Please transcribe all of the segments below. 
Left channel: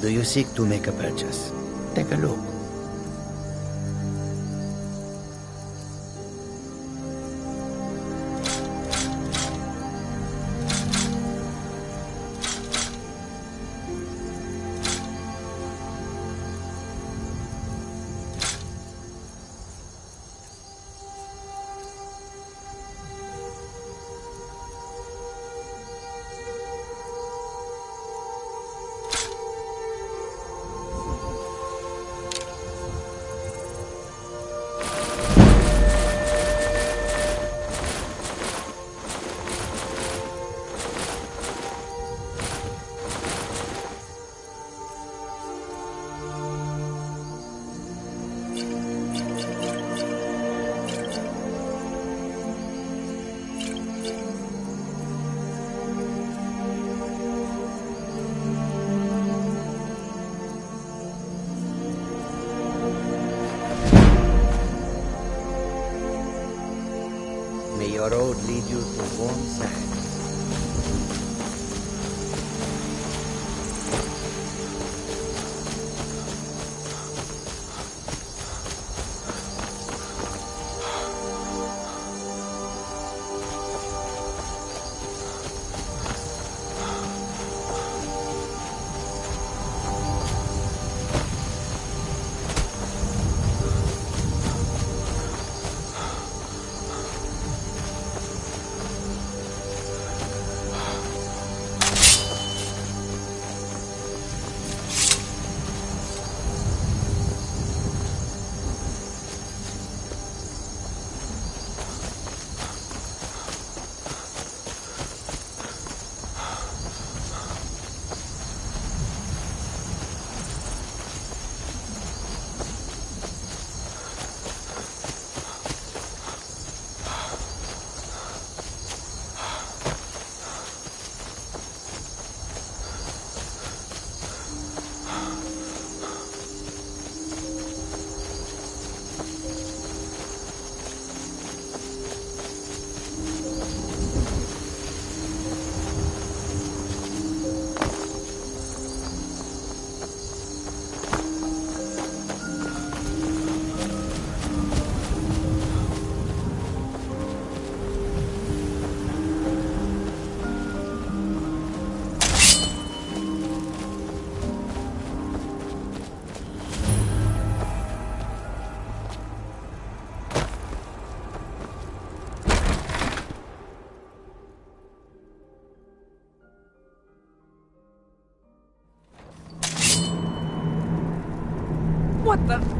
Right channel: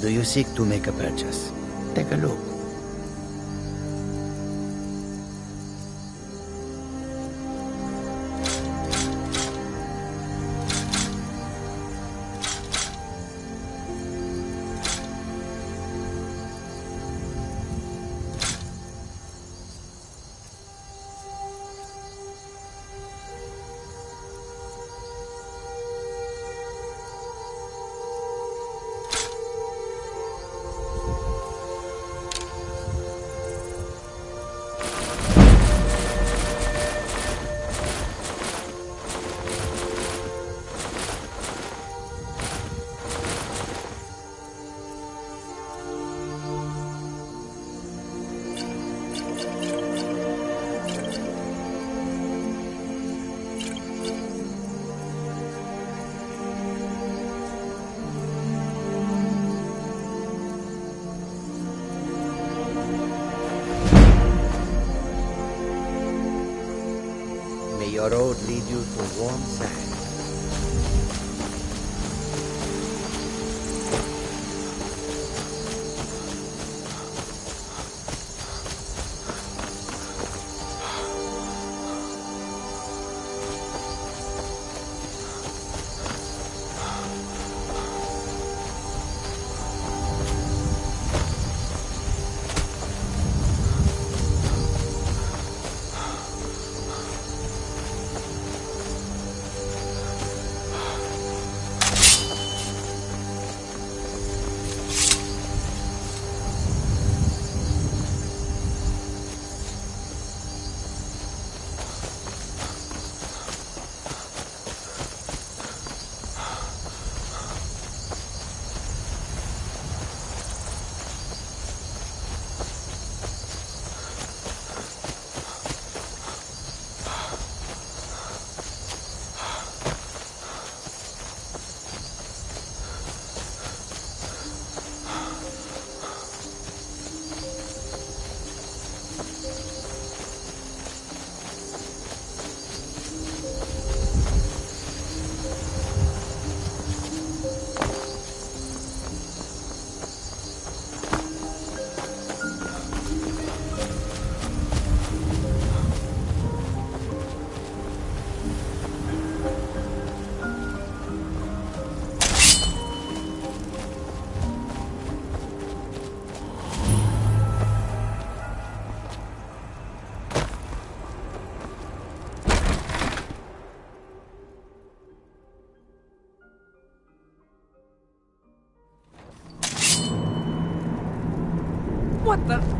Do you seek to make a purchase? Take a look. May your road lead you to warm sand. What the?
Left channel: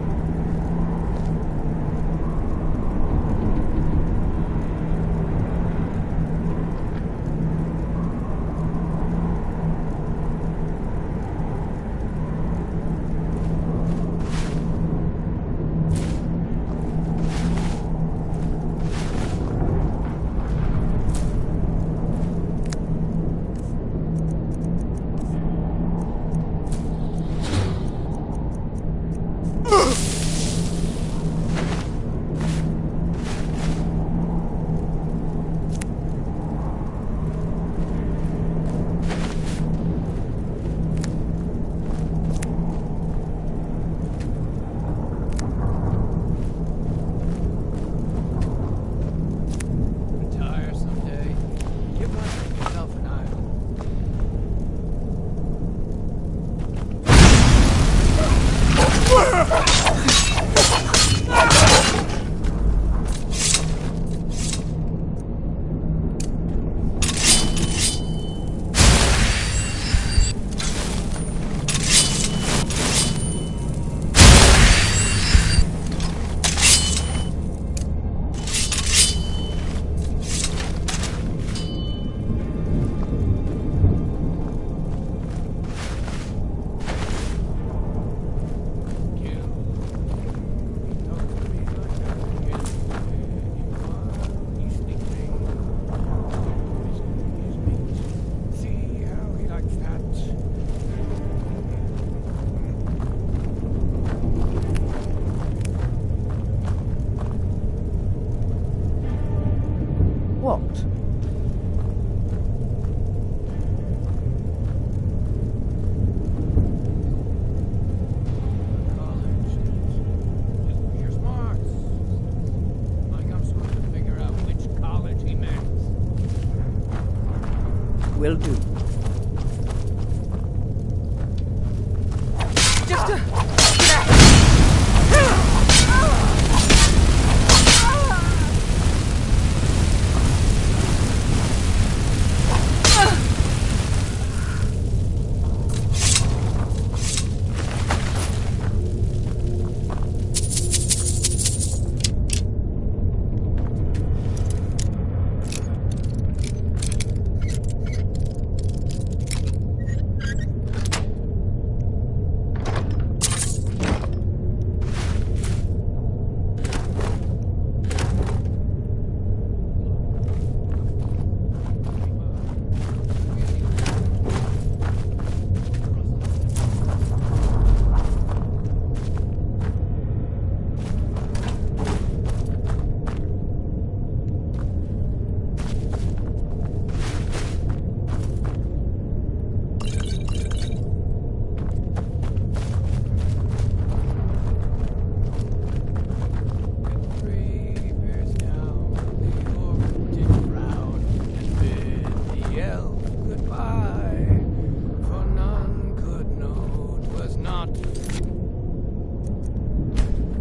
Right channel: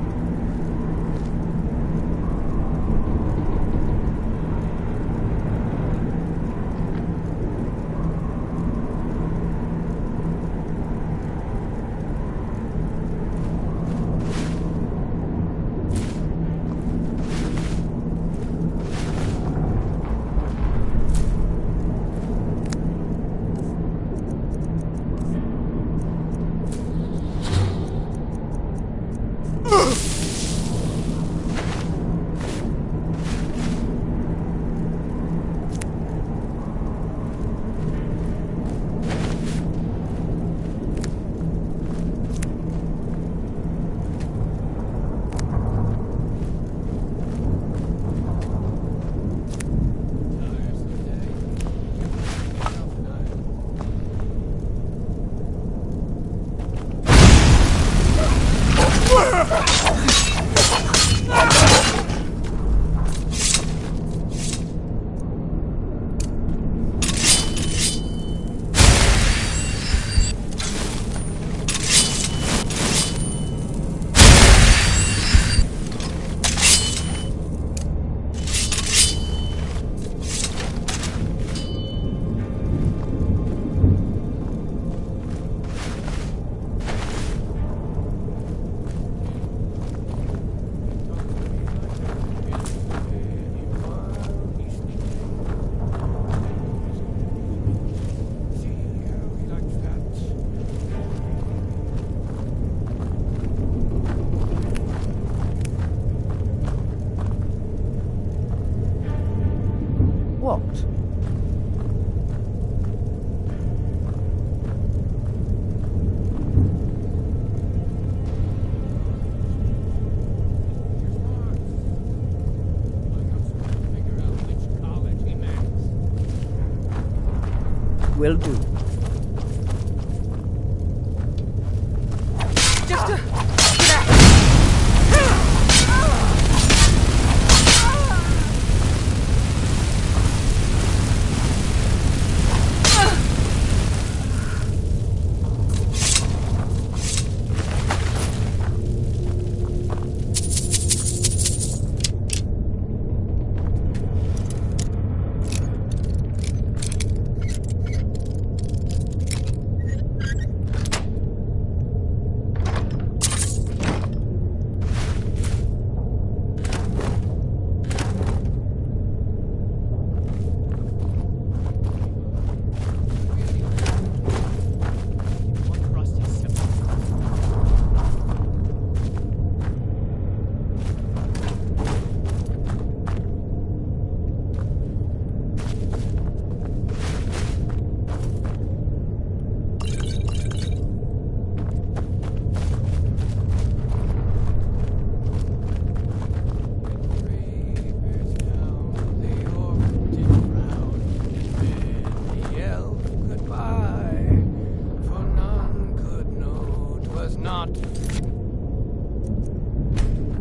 Will do.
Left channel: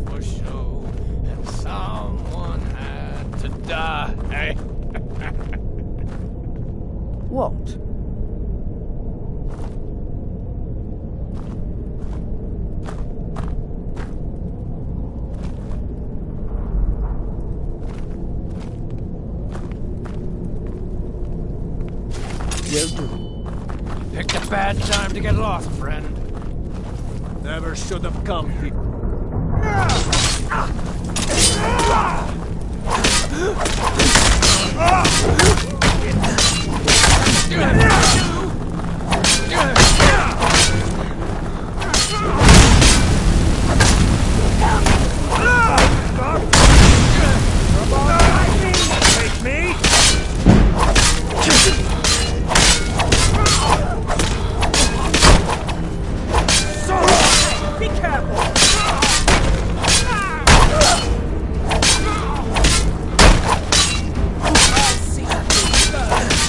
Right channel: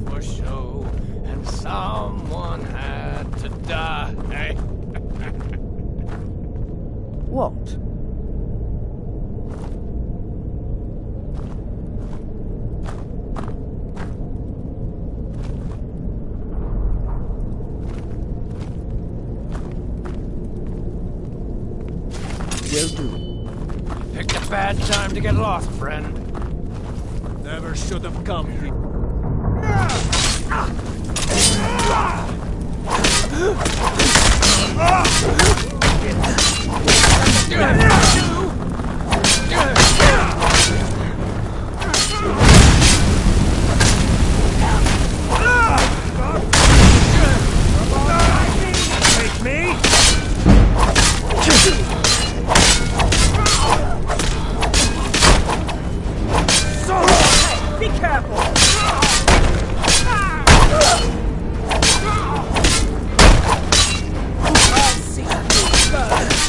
For show, and someone had to die. What? Will do. Picked a bad time to get lost, friend. Never should have come here. Take me? Be careful! I'll see you first!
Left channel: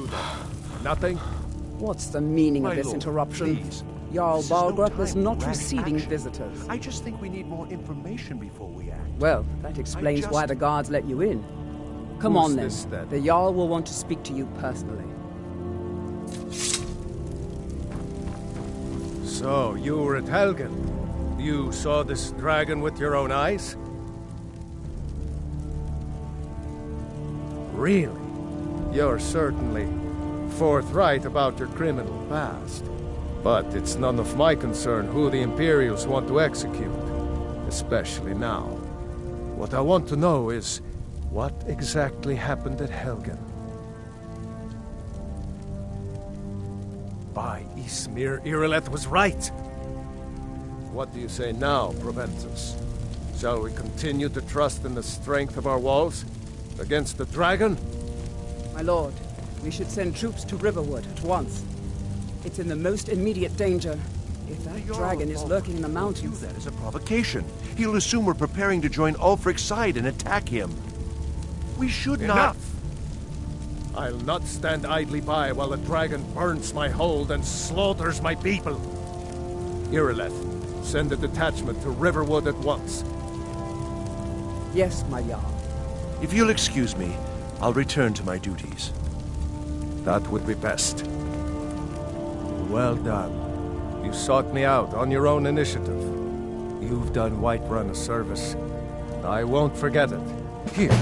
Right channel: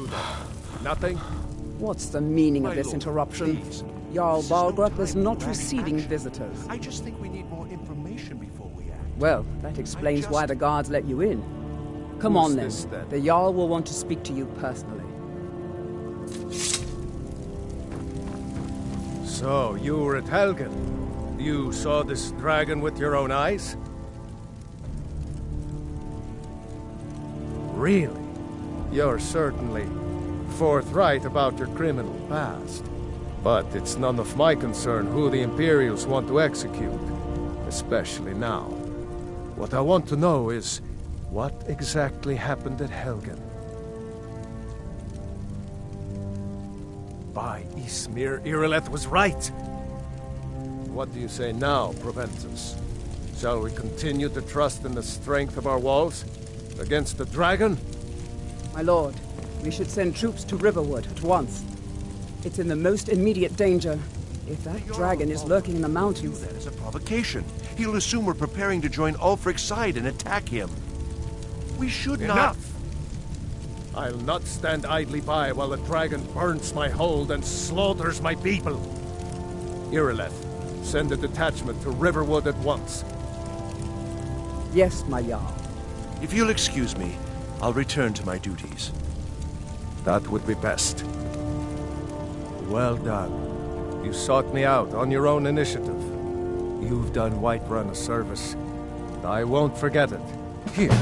do then? Nothing? What's the meaning My of this lord, interruption? please. Jarl This is no Balgrup is time not for rash receiving action. visitors. I just think we need more information before we act. Well, that explains why the guards let you in. Come Who's on then. this, then? The Jarl will want to speak to you personally. So, you were at Helgen. You saw this dragon with your own eyes? Really? You're certainly forthright about your criminal past. But it's none of my concern who the Imperials want to execute, especially now. What I want to know is, what exactly happened at Helgen? By Ysmir, Irileth was right! What do you say now, Proventus? Shall we continue to trust in the strength of our walls? Against the dragon? My lord, we should send troops to Riverwood at once. It's in the most immediate danger. If that dragon is lurking in the mountains... Do that as a provocation. He'll assume we're preparing to join Ulfric's side and attack him. We should not... Enough! I'll not stand idly by while the dragon burns my hold and slaughters my people. Irileth, send a detachment to Riverwood at once. Yes, my Jarl. If you'll excuse me, I'll return to my duties. That would be best. Well done. You sought me out on your own initiative. You've done Whiterun a service, and I won't forget it. Here,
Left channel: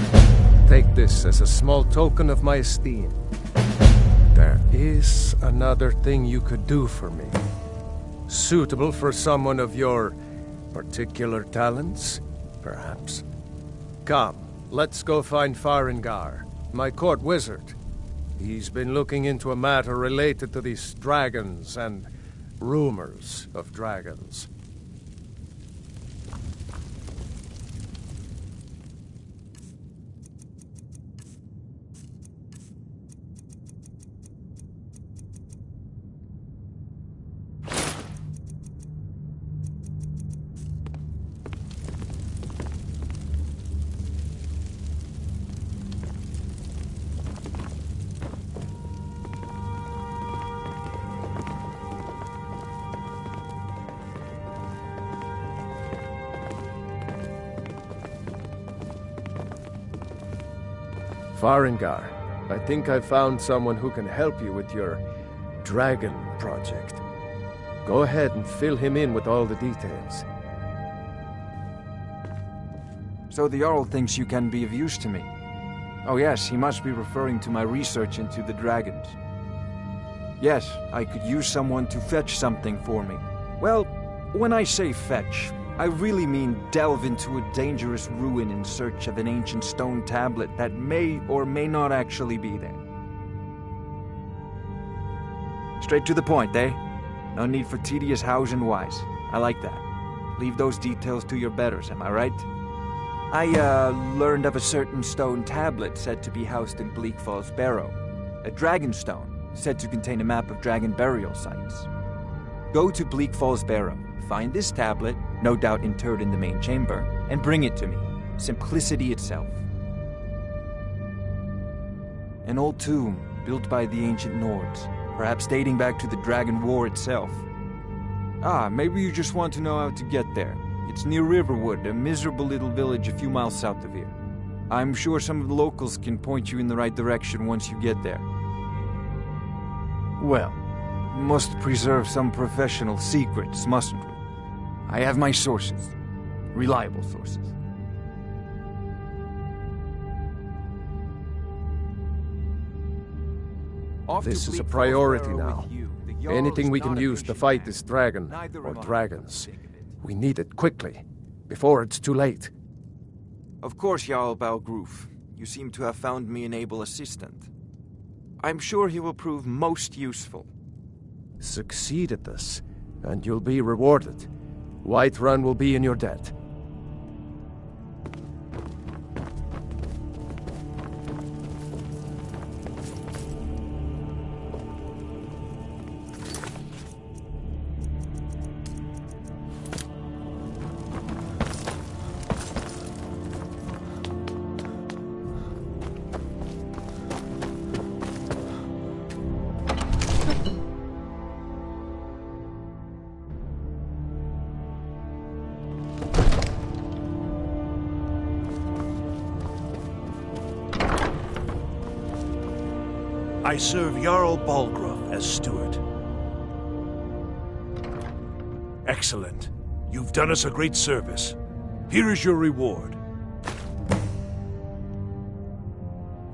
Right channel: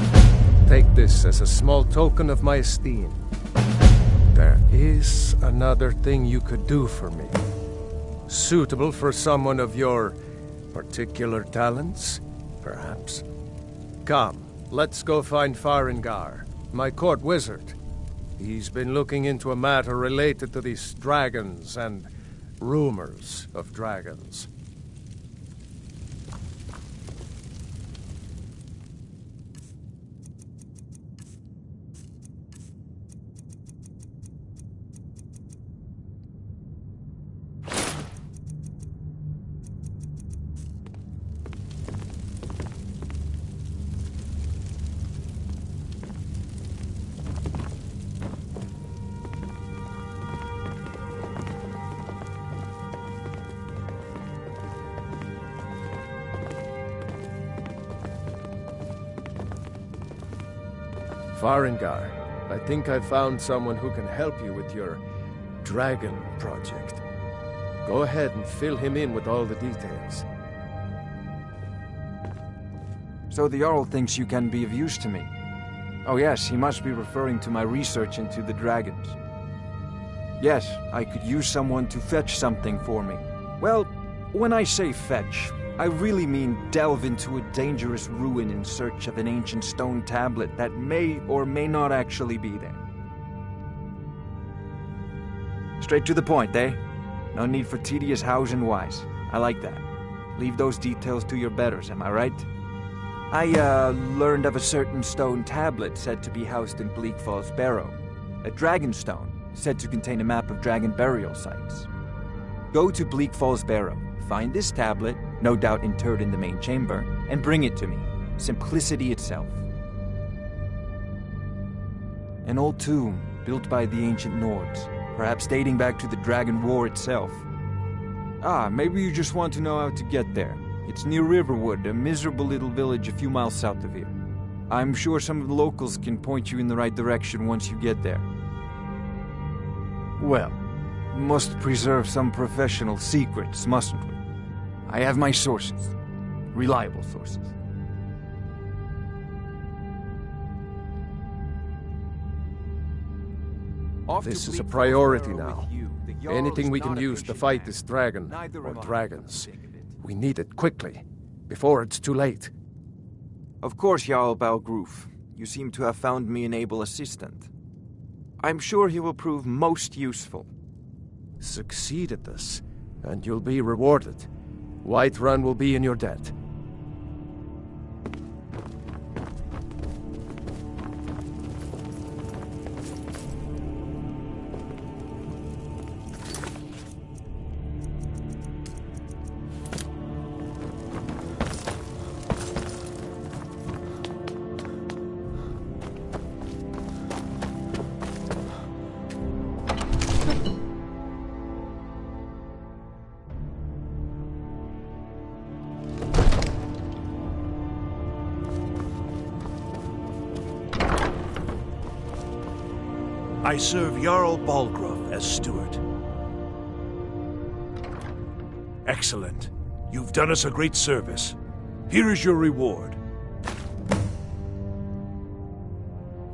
take this as a small token of my esteem. There is another thing you could do for me. Suitable for someone of your particular talents, perhaps. Come, let's go find Farengar, my court wizard. He's been looking into a matter related to these dragons and rumors of dragons. Farengar, I think I've found someone who can help you with your dragon project. Go ahead and fill him in with all the details. So the Jarl thinks you can be of use to me. Oh yes, he must be referring to my research into the dragons. Yes, I could use someone to fetch something for me. Well, when I say fetch, I really mean delve into a dangerous ruin in search of an ancient stone tablet that may or may not actually be there. Straight to the point, eh? No need for tedious hows and whys. I like that. Leave those details to your betters, am I right? I, learned of a certain stone tablet said to be housed in Bleak Falls Barrow. A dragon stone, said to contain a map of dragon burial sites. Go to Bleak Falls Barrow, find this tablet, no doubt interred in the main chamber, and bring it to me. Simplicity itself. An old tomb, built by the ancient Nords, perhaps dating back to the Dragon War itself. Ah, maybe you just want to know how to get there. It's near Riverwood, a miserable little village a few miles south of here. I'm sure some of the locals can point you in the right direction once you get there. Well, must preserve some professional secrets, mustn't we? I have my sources. Reliable sources. This is a priority now. Anything we can use to fight this dragon, or dragons. We need it quickly, before it's too late. Of course, Jarl Balgruf. You seem to have found me an able assistant. I'm sure he will prove most useful. Succeed at this, and you'll be rewarded. Whiterun will be in your debt. I serve Jarl Balgruuf as steward. Excellent. You've done us a great service. Here is your reward.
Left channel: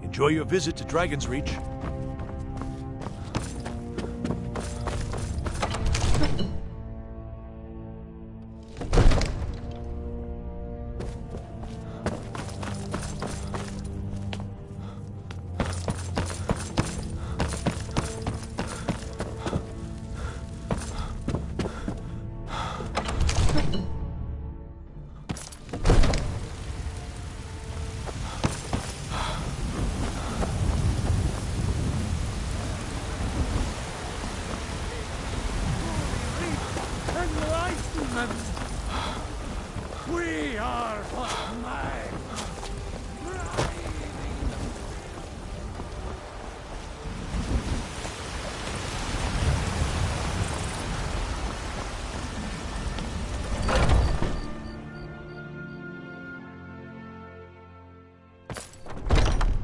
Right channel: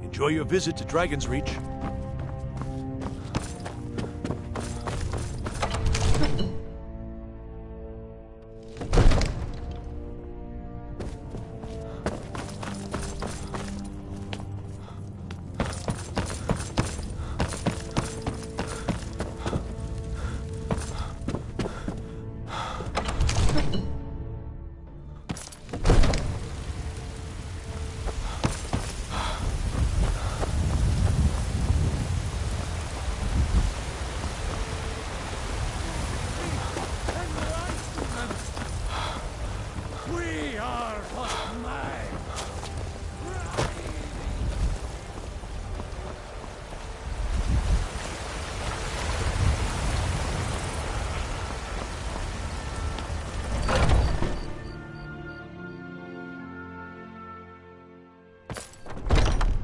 Enjoy your visit to Dragon's Reach. We are but men.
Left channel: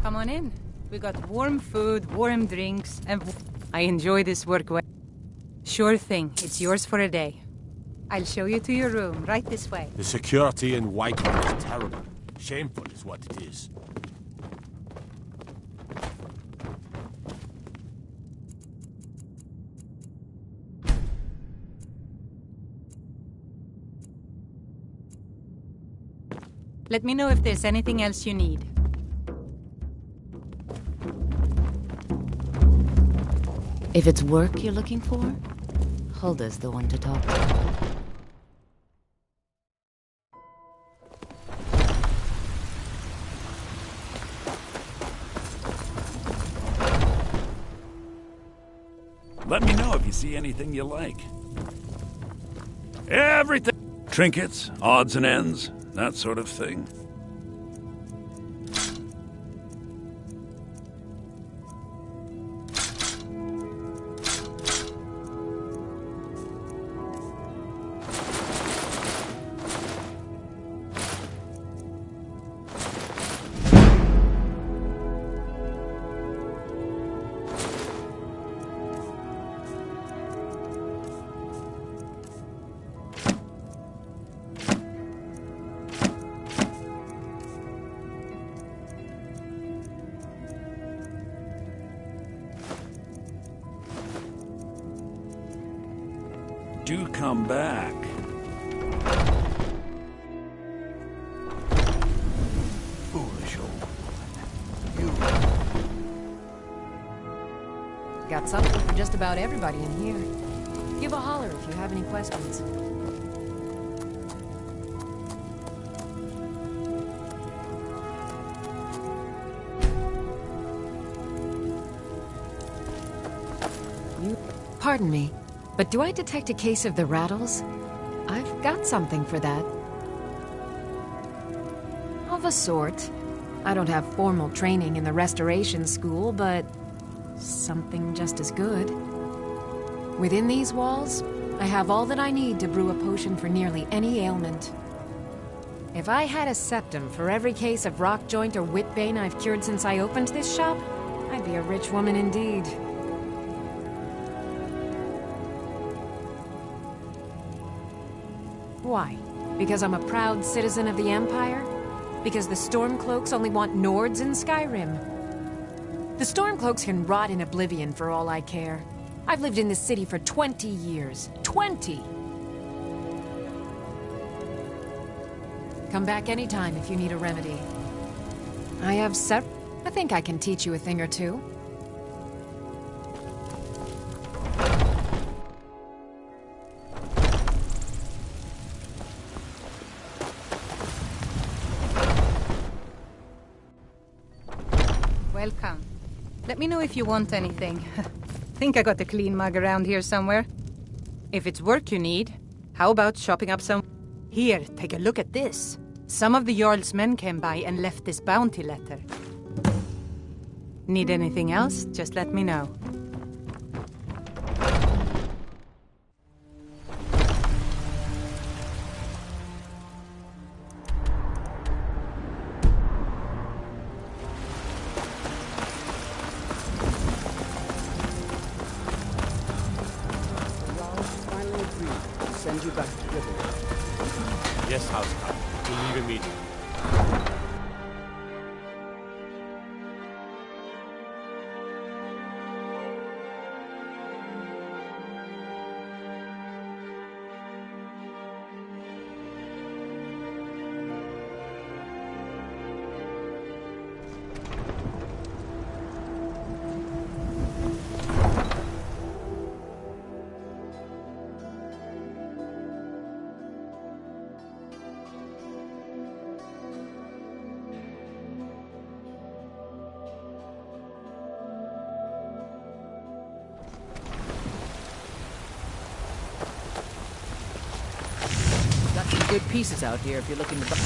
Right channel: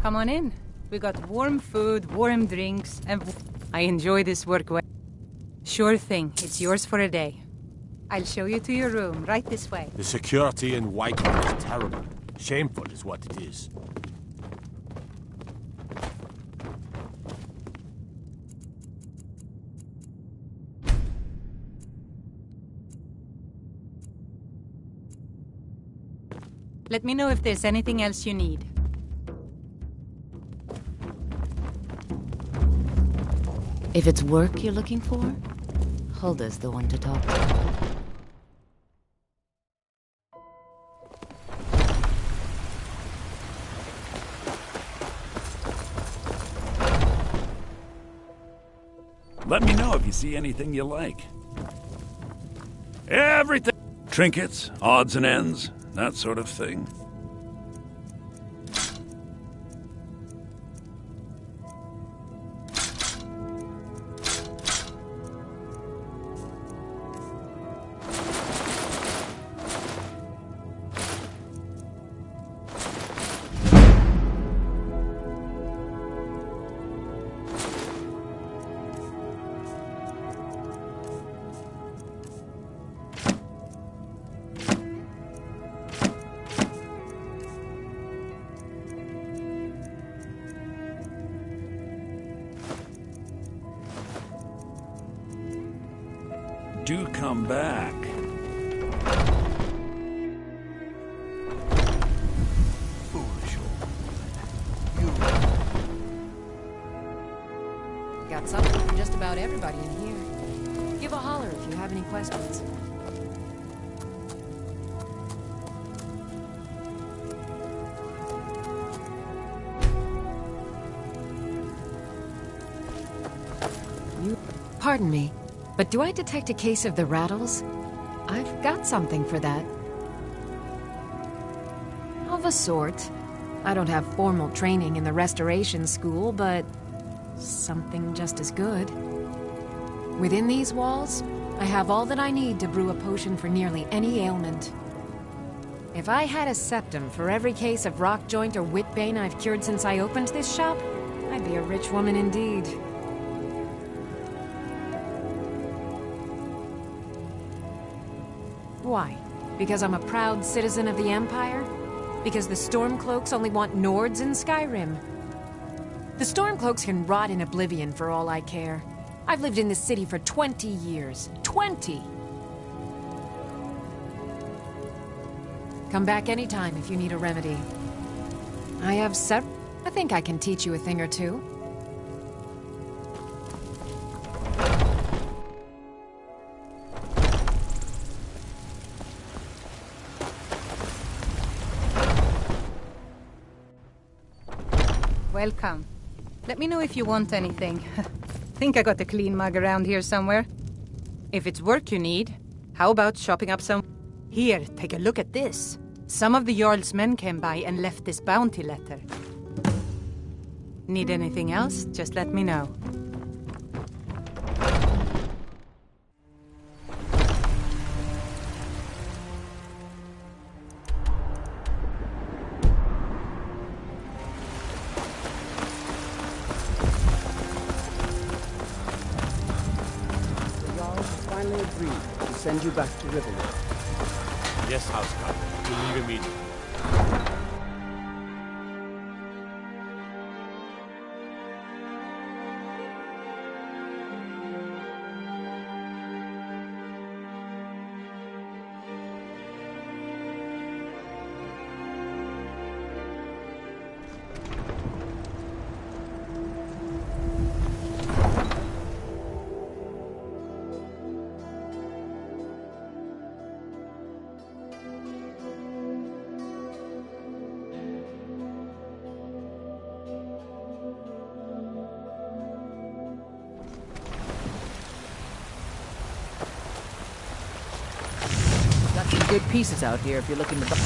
Come on in. We got warm food, warm drinks, and I enjoy this work well. Sure thing. It's yours for a day. I'll show you to your room, right this way. The security in Whiterun is terrible. Shameful is what it is. Let me know if there's anything else you need. If it's work you're looking for, Hulda's the one to talk to. Let me know if you see anything you like. Everything. Trinkets, odds and ends, that sort of thing. Do come back. Foolish old woman. Got something for just about everybody in here. Give a holler if you have any questions. Pardon me, but do I detect a case of the rattles? I've got something for that. Of a sort. I don't have formal training in the restoration school, but something just as good. Within these walls, I have all that I need to brew a potion for nearly any ailment. If I had a septum for every case of rock joint or whitbane I've cured since I opened this shop, I'd be a rich woman indeed. Why? Because I'm a proud citizen of the Empire? Because the Stormcloaks only want Nords in Skyrim? The Stormcloaks can rot in oblivion for all I care. I've lived in this city for 20 years. 20! Come back anytime if you need a remedy. I think I can teach you a thing or two. Welcome. Let me know if you want anything. Think I got a clean mug around here somewhere. If it's work you need, how about shopping up some... Here, take a look at this. Some of the Jarl's men came by and left this bounty letter. Need anything else? Just let me know. finally agreed to send you back to Riverwood. Yes, Housecarl. We leave immediately. Got some good pieces out here if you're looking to buy.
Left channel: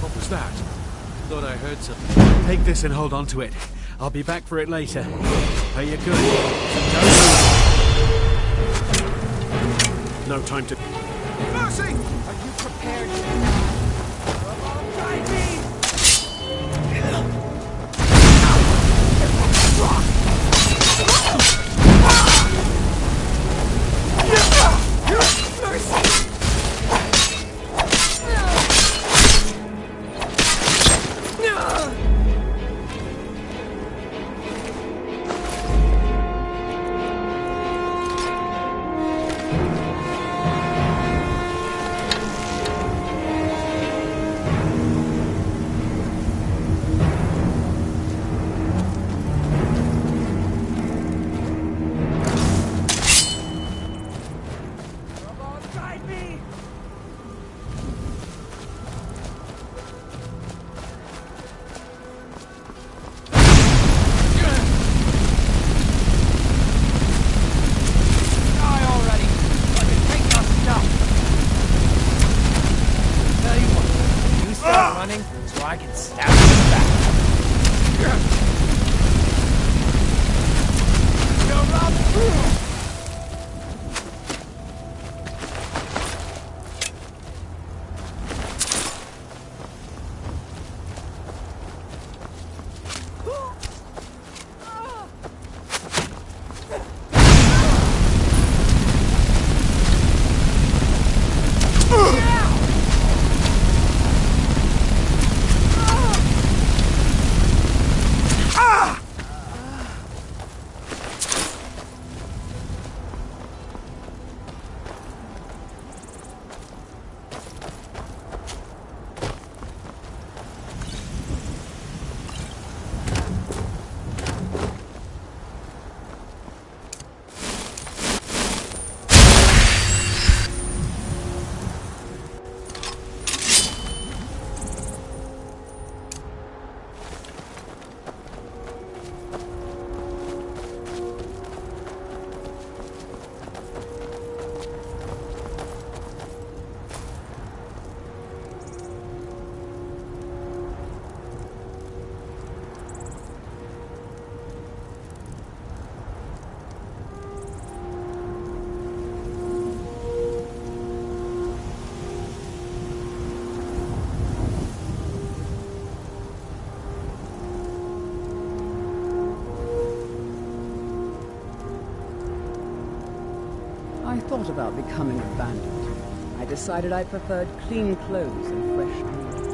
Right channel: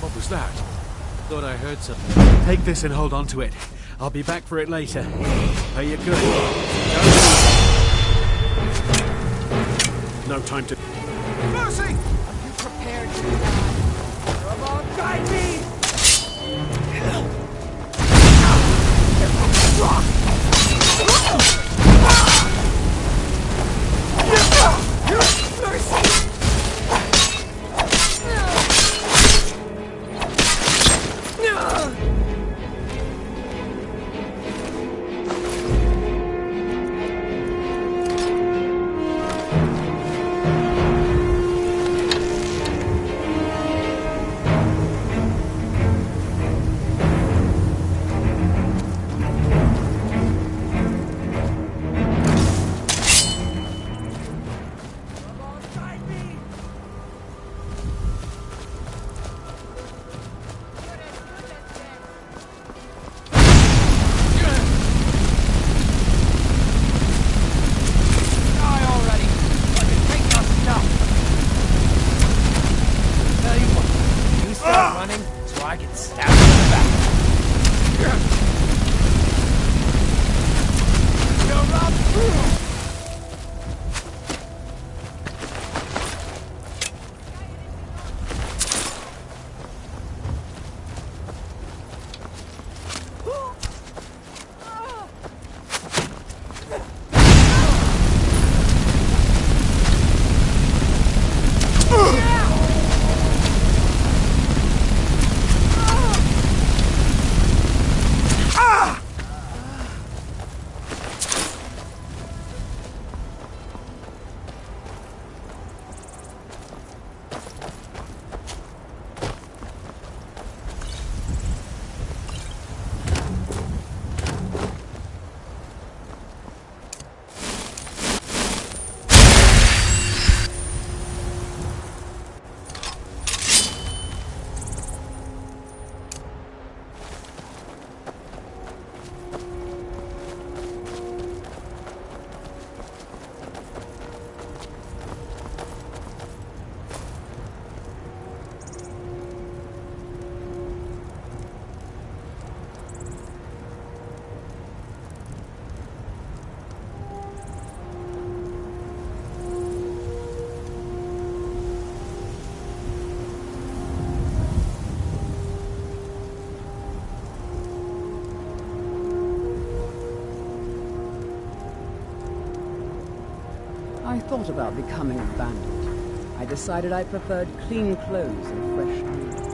What was that? Thought I heard something. Take this and hold on to it. I'll be back for it later. Pay you good. Don't move. No time to... Mercy! Are you prepared to die? Come guide me! Mercy! I thought about becoming a bandit. I decided I preferred clean clothes and fresh meat.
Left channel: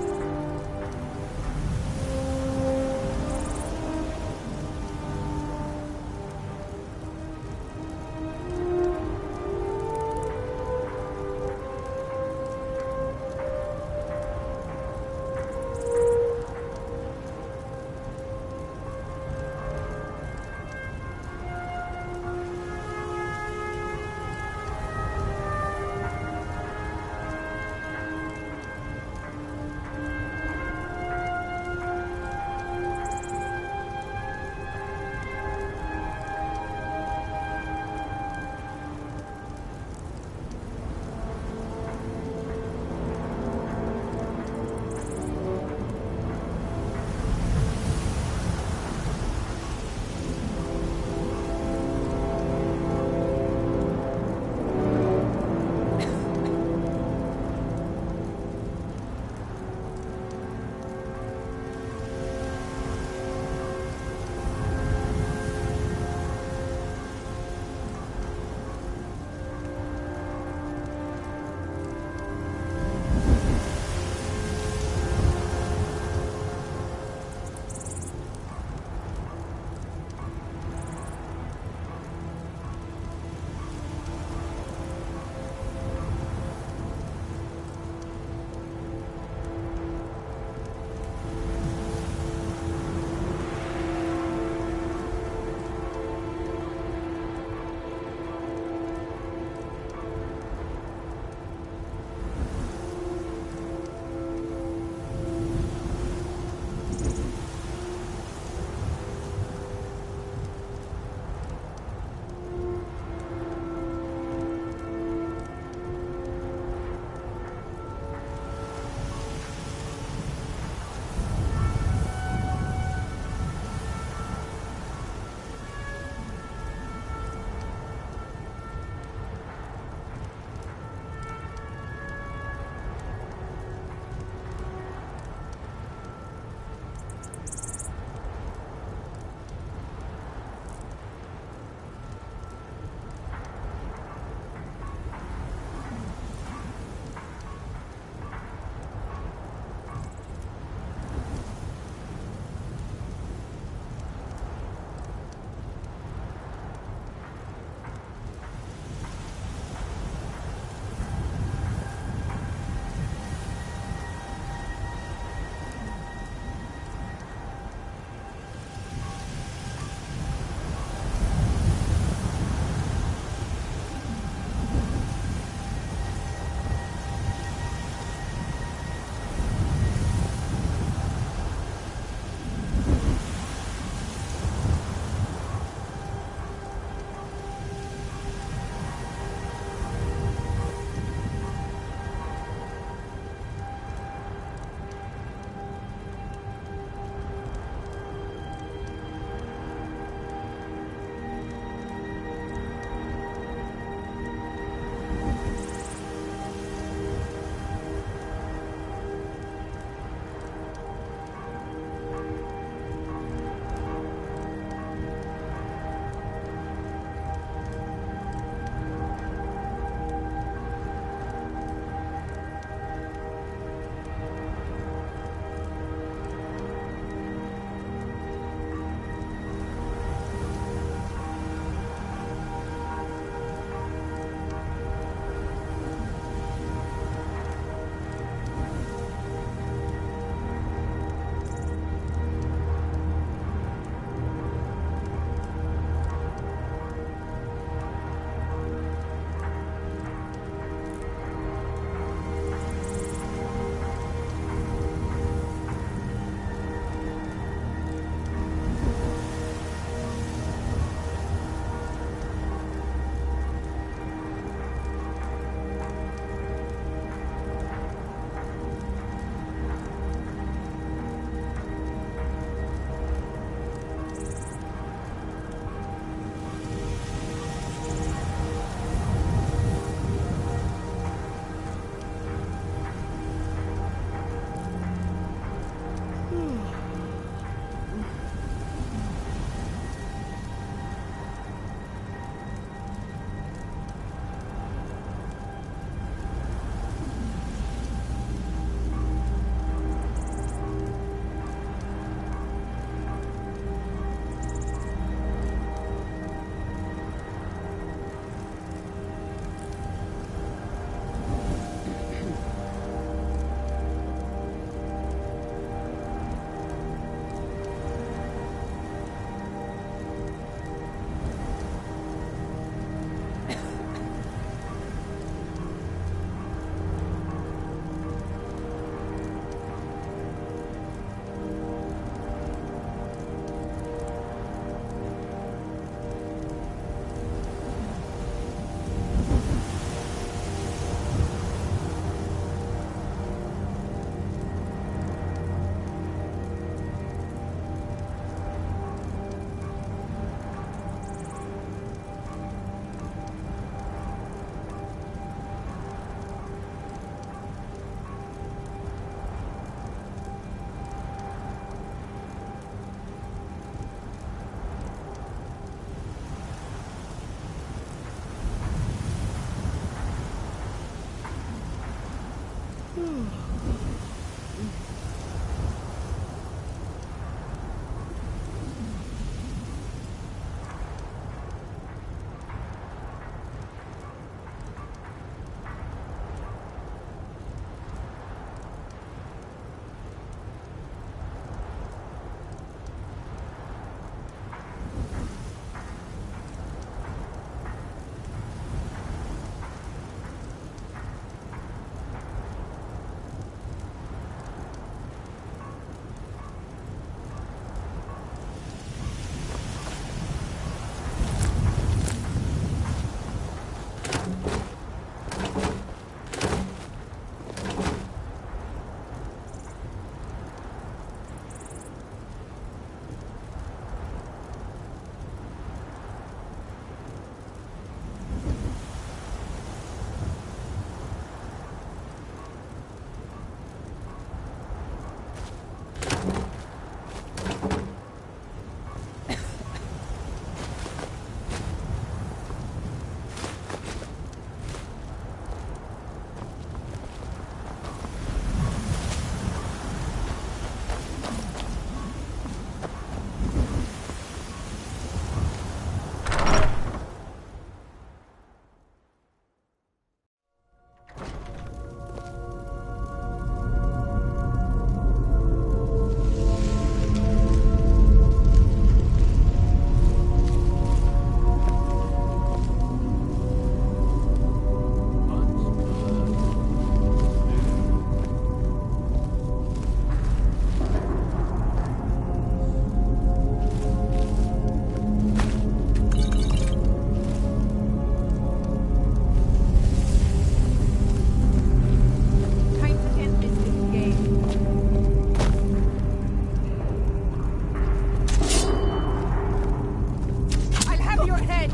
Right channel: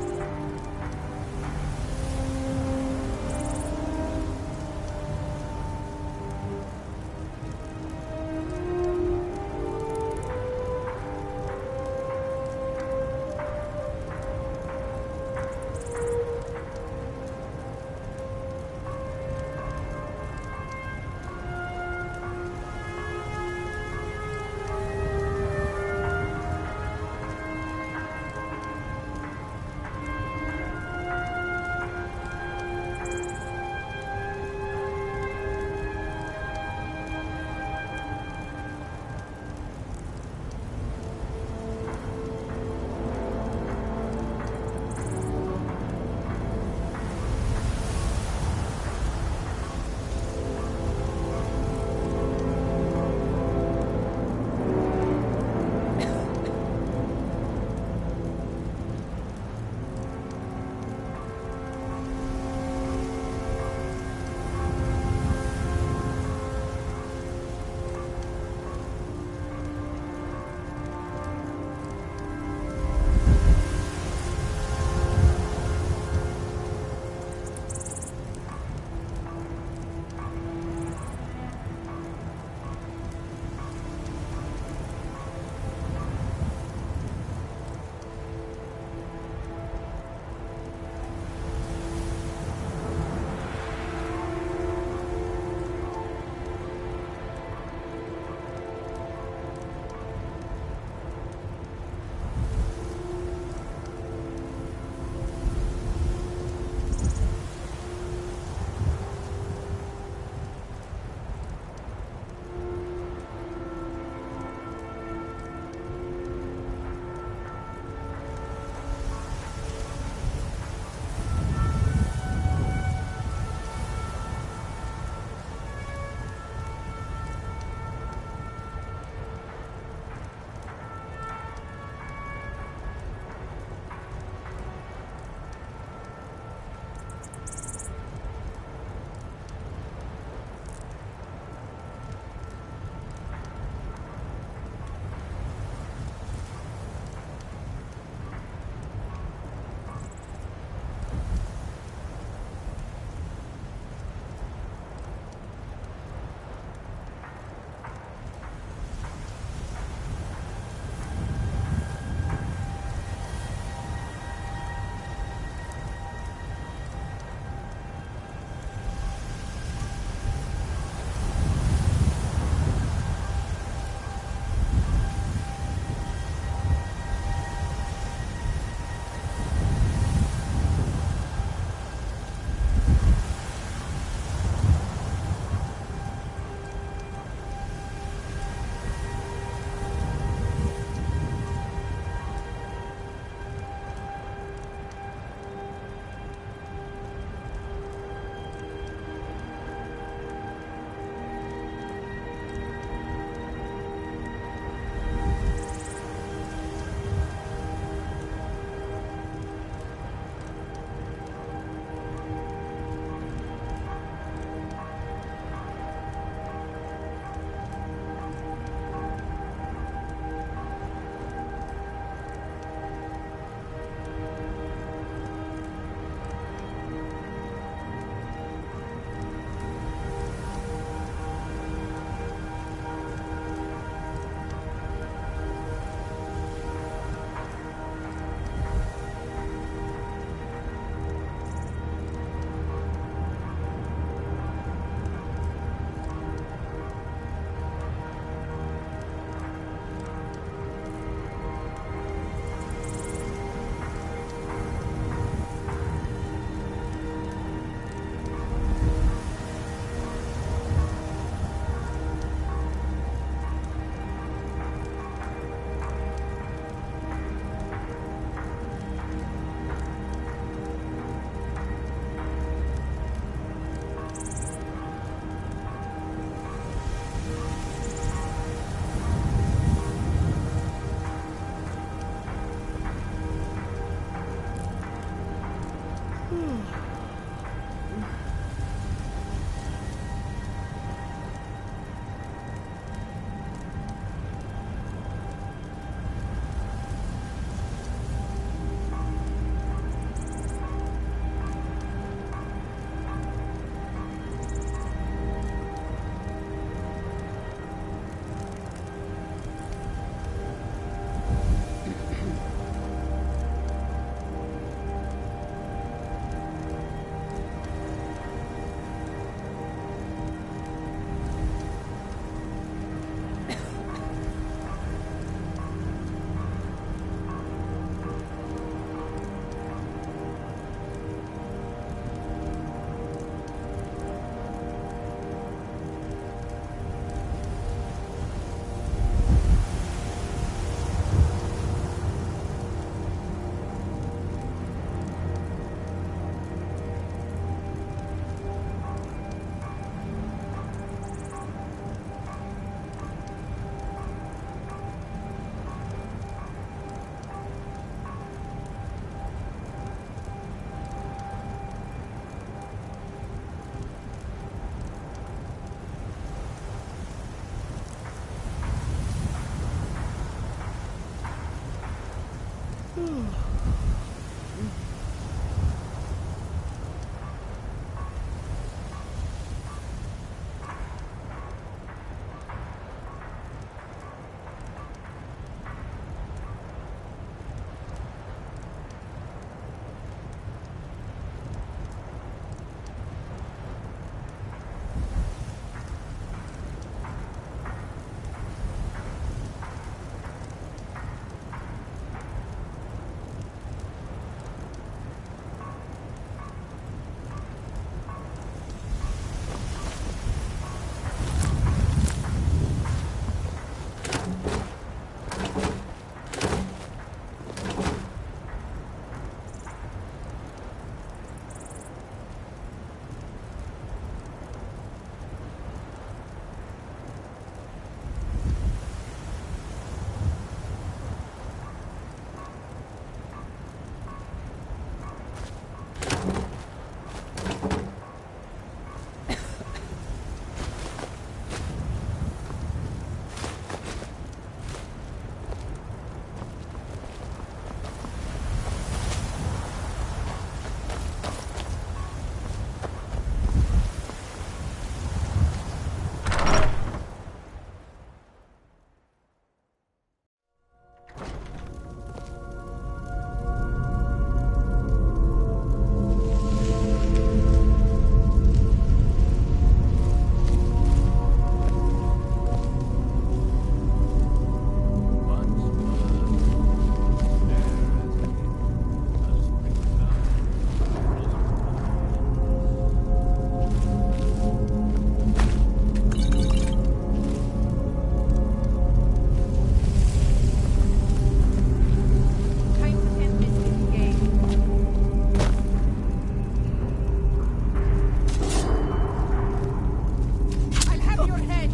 with your head!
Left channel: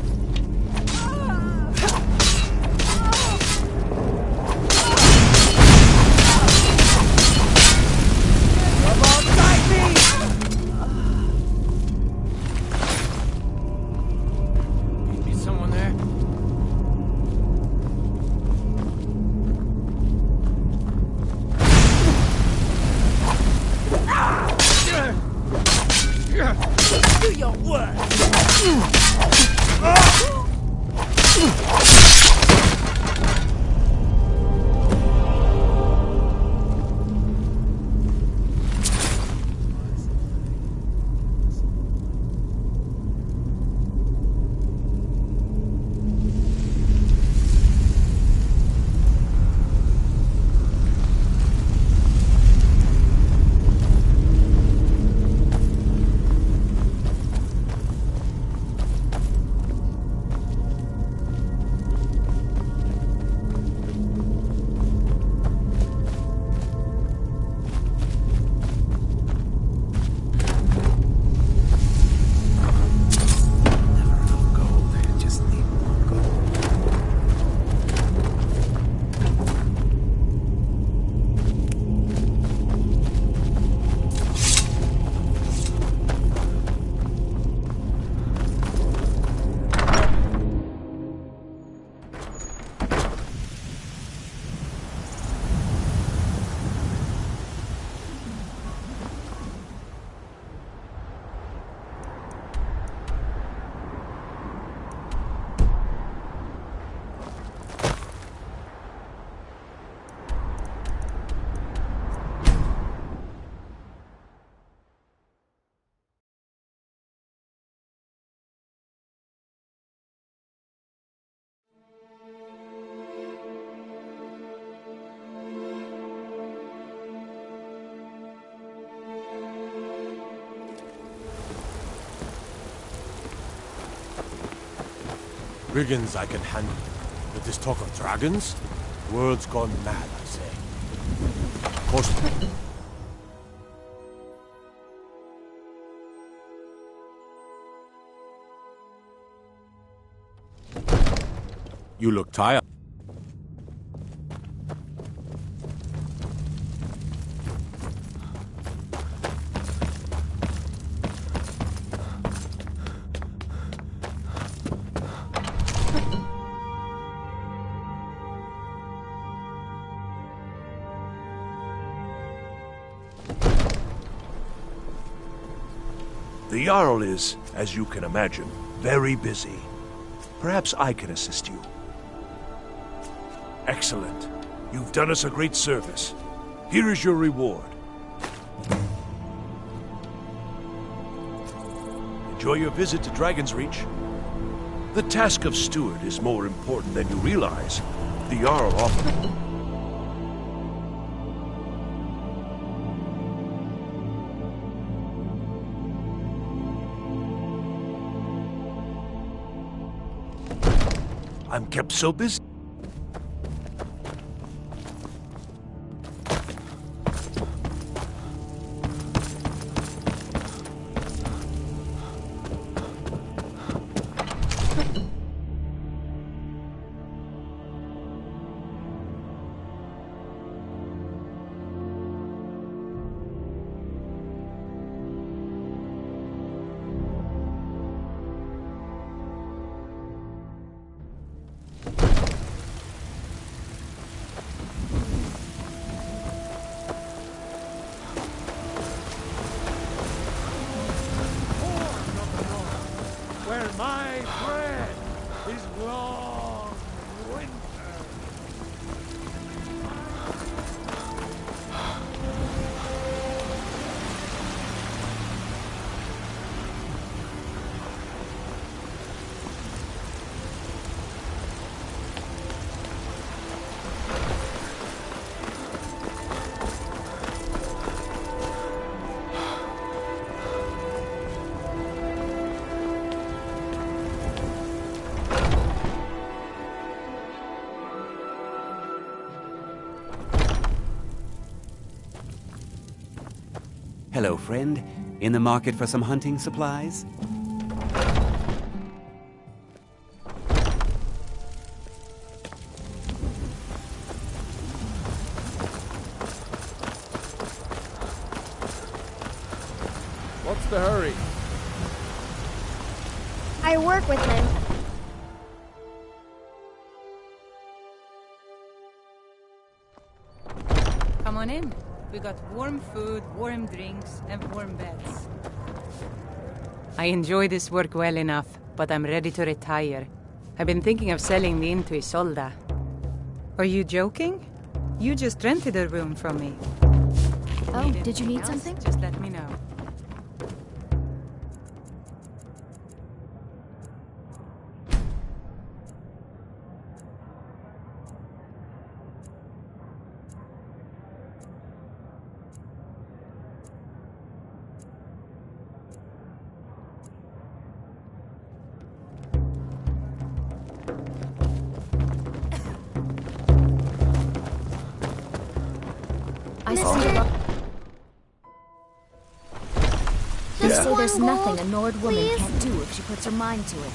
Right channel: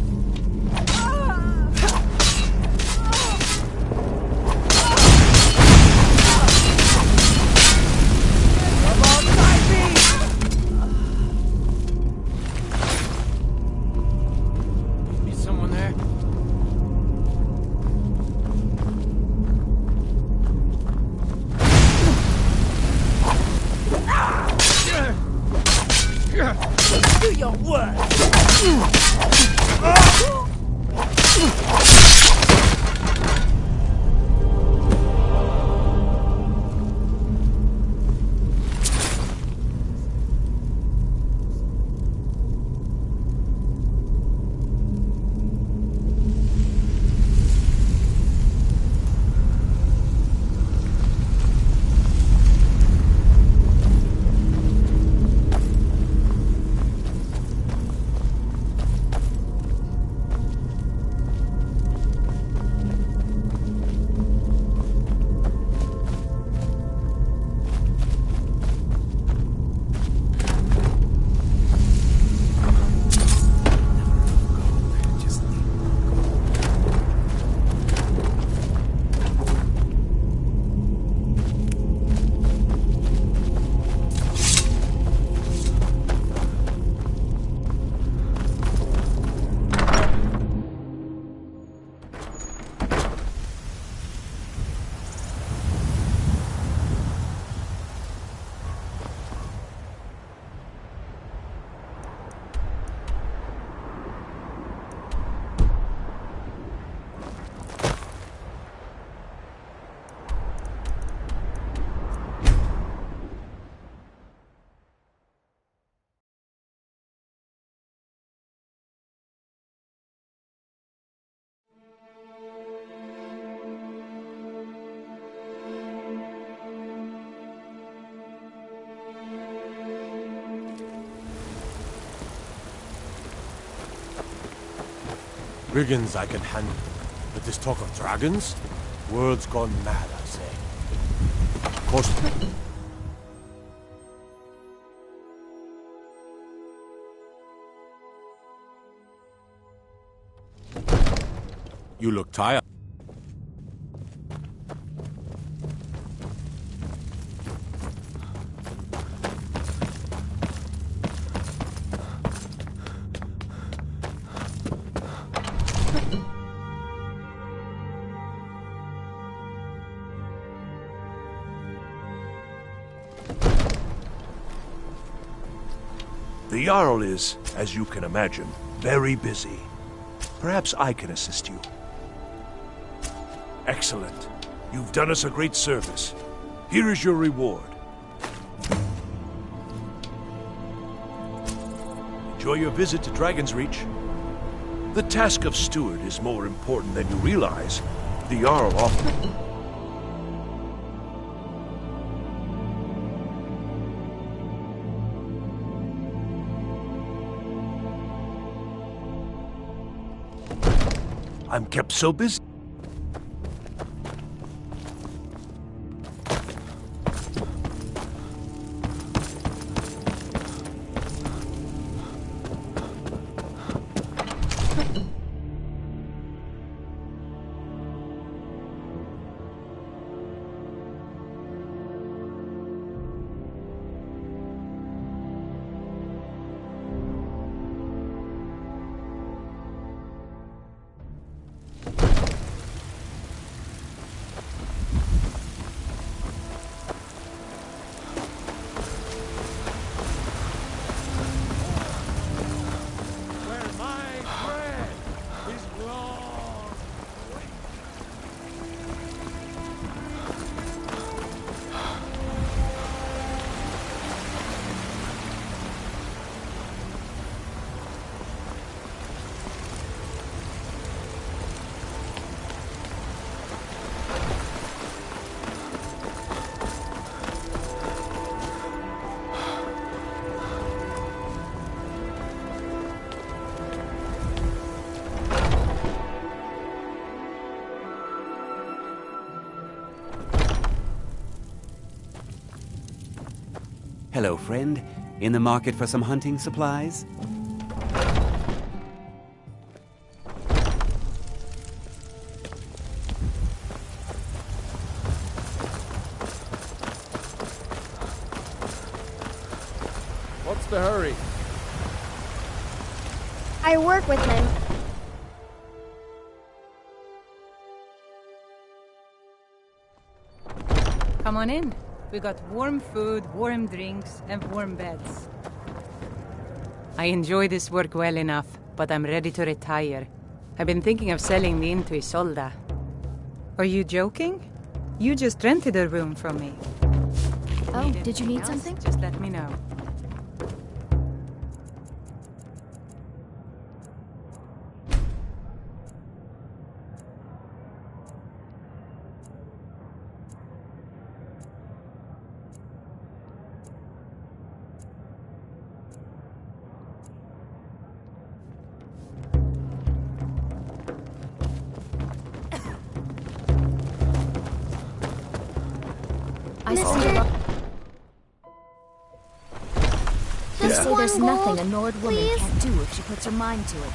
Come on, guide me! Be someone there? Do your work! Brigands I can handle, but this talk of dragons? World's gone mad, I say. Of course... You look tired. The Jarl is, as you can imagine, very busy. Perhaps I can assist you. Excellent. You've done us a great service. Here is your reward. Enjoy your visit to Dragon's Reach. The task of steward is more important than you realize. The Jarl often... I'm kept so busy. My bread is long winter. Hello, friend. In the market for some hunting supplies? the hurry? I work with him. Come on in. We got warm food, warm drinks, and warm beds. I enjoy this work well enough, but I'm ready to retire. I've been thinking of selling me into Isolda. Are you joking? You just rented a room from me. Oh, did you need else? something? Just let me know. They say there's nothing a Nord woman can't do if she puts her mind to it.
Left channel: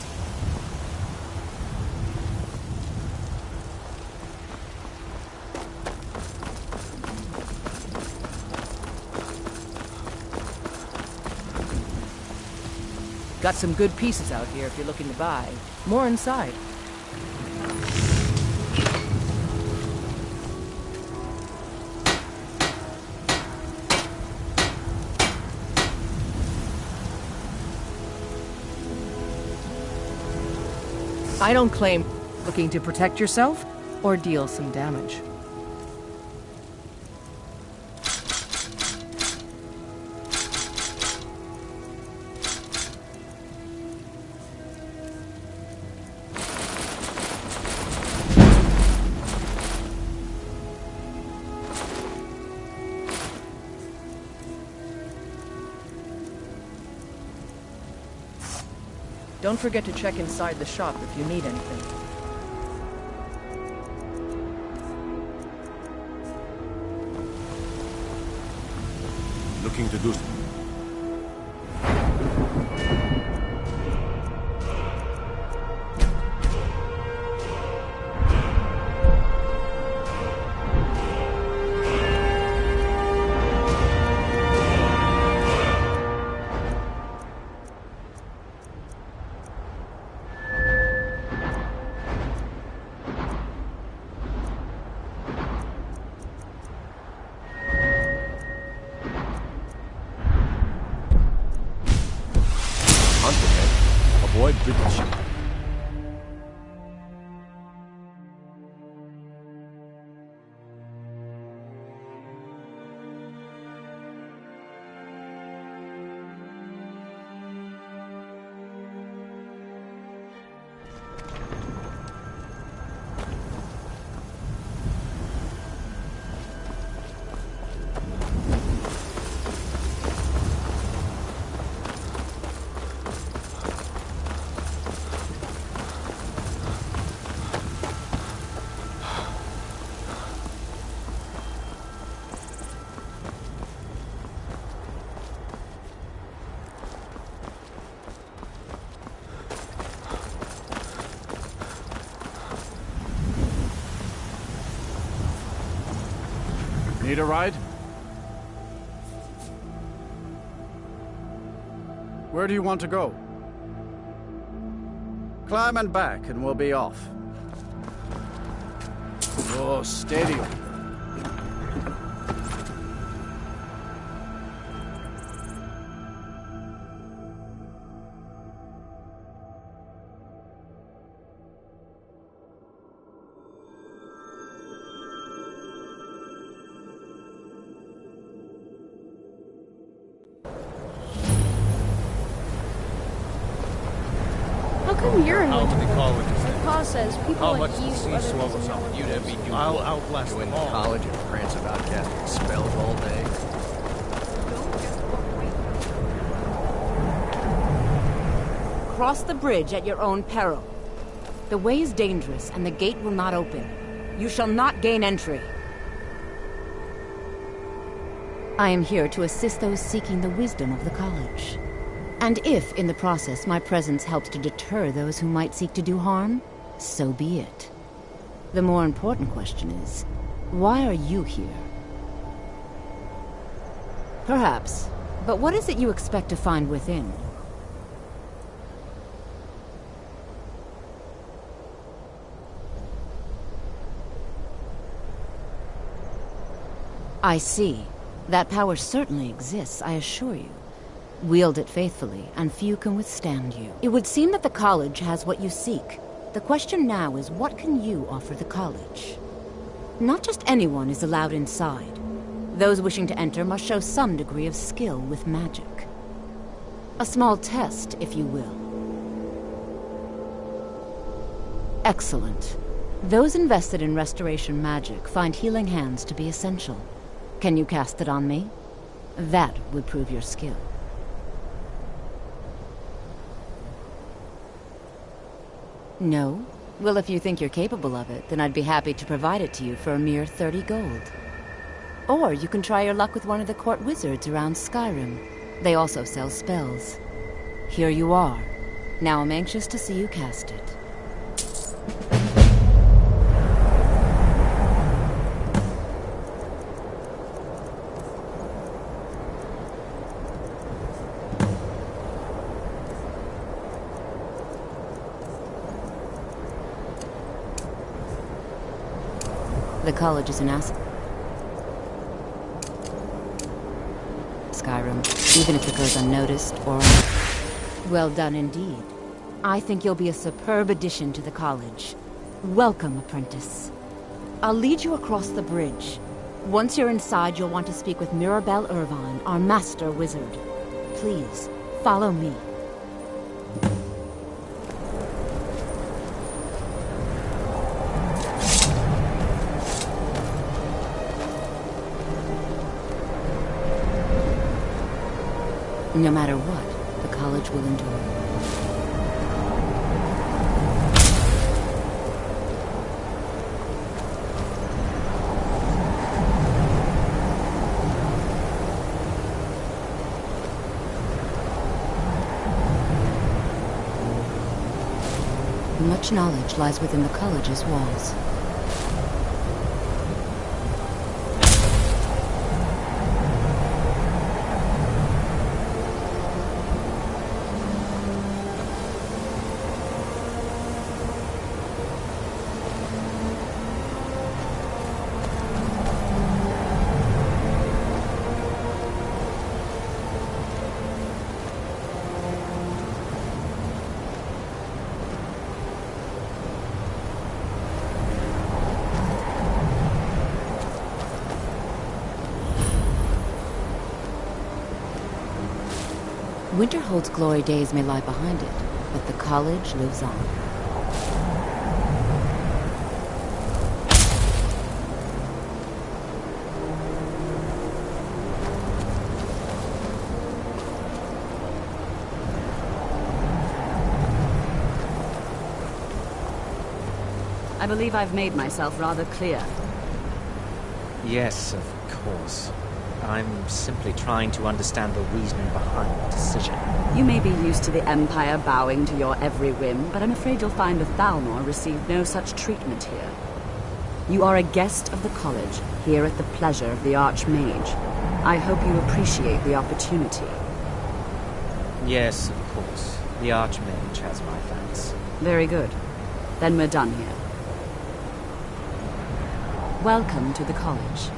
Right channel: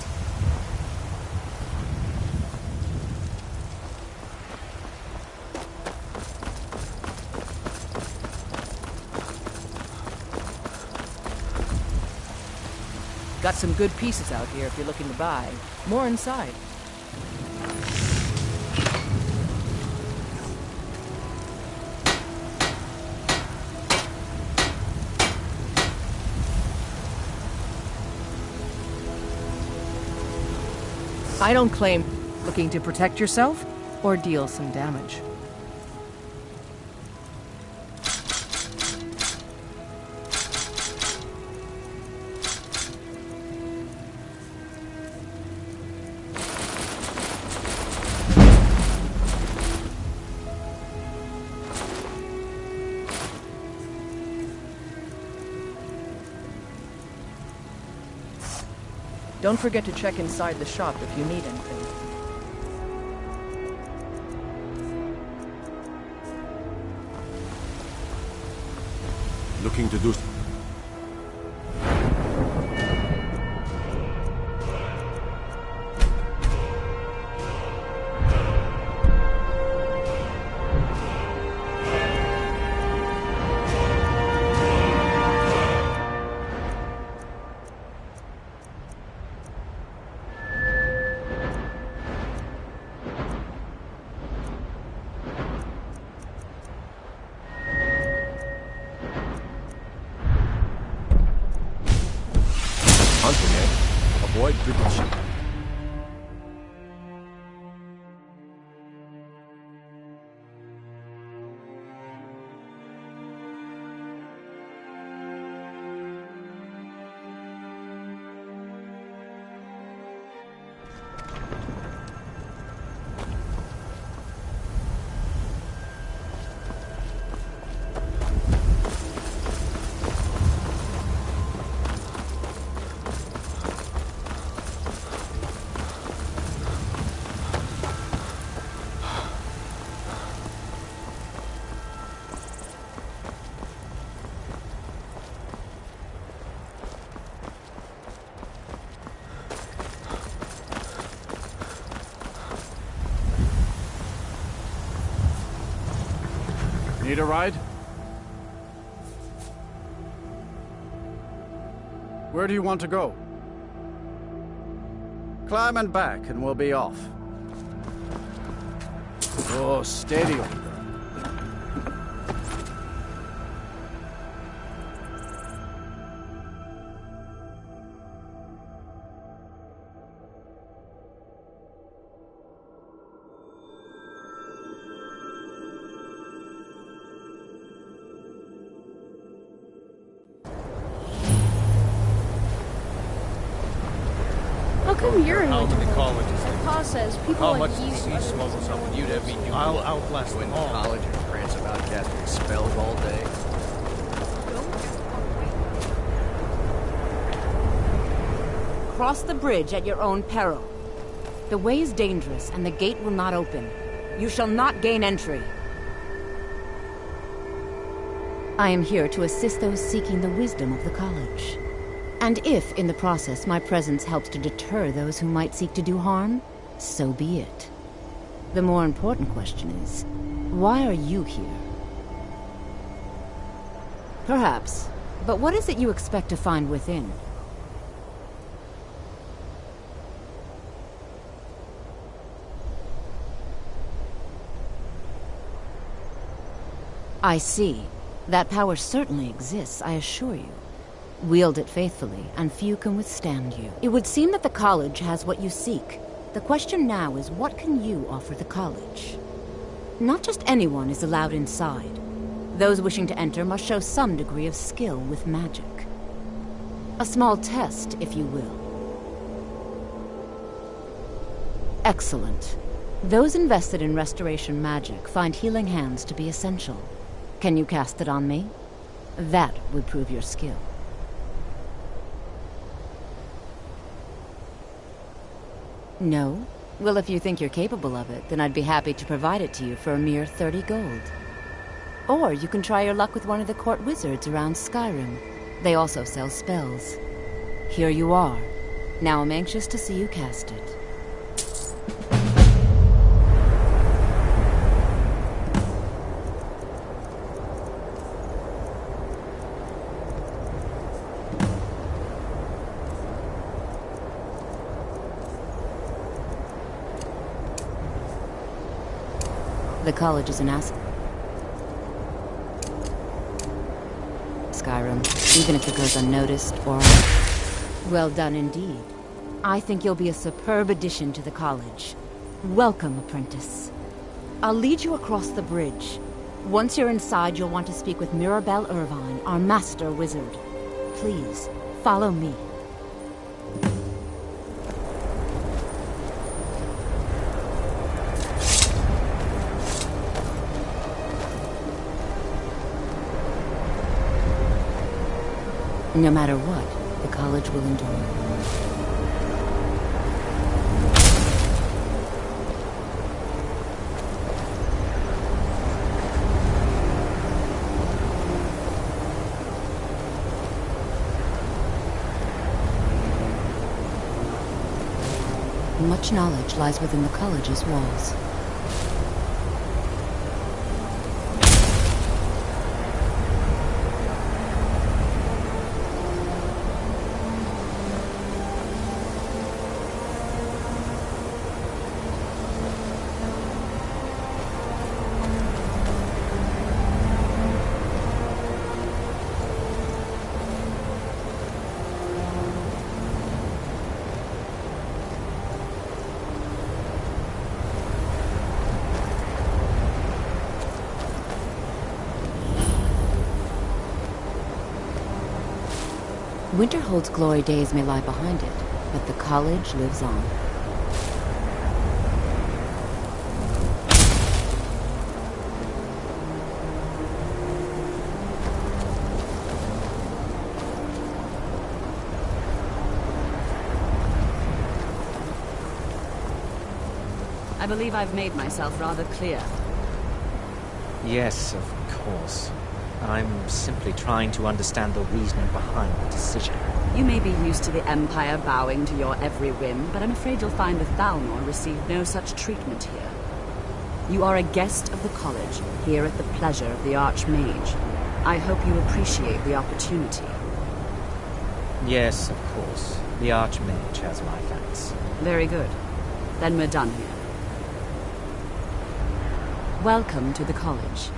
Got some good pieces out here if you're looking to buy. More inside. I don't claim looking to protect yourself or deal some damage. Don't forget to check inside the shop if you need anything. Looking to do... Hunting, eh? Avoid big sheep. Need a ride? Where do you want to go? Climb and back, and we'll be off. Oh, steady, old girl. How come you're in How many Winterfell? colleges? My pa says people How like much you, does sea others swallow know something? what You'd have me do I'll what? outlast Go them into all. college and prance about casting spells all day. Cross the bridge at your own peril. The way is dangerous, and the gate will not open. You shall not gain entry. I am here to assist those seeking the wisdom of the college. And if, in the process, my presence helps to deter those who might seek to do harm, so be it. The more important question is, why are you here? Perhaps But what is it you expect to find within? I see. That power certainly exists, I assure you. Wield it faithfully, and few can withstand you. It would seem that the college has what you seek. The question now is, what can you offer the college? Not just anyone is allowed inside. Those wishing to enter must show some degree of skill with magic. A small test, if you will. Excellent. Those invested in restoration magic find healing hands to be essential. Can you cast it on me? That would prove your skill. No? Well, if you think you're capable of it, then I'd be happy to provide it to you for a mere 30 gold. Or you can try your luck with one of the court wizards around Skyrim. They also sell spells. Here you are. Now I'm anxious to see you cast it. The college is an asset. Skyrim, even if it goes unnoticed or... Well done indeed. I think you'll be a superb addition to the college. Welcome, apprentice. I'll lead you across the bridge. Once you're inside, you'll want to speak with Mirabelle Irvine, our master wizard. Please, follow me. No matter what, the college will endure. Much knowledge lies within the college's walls. Winterhold's glory days may lie behind it, but the college lives on. I believe I've made myself rather clear. Yes, of course. I'm simply trying to understand the reasoning behind the decision. You may be used to the Empire bowing to your every whim, but I'm afraid you'll find the Thalmor received no such treatment here. You are a guest of the college, here at the pleasure of the Archmage. I hope you appreciate the opportunity. Yes, of course. The Archmage has my thanks. Very good. Then we're done here. Welcome to the college.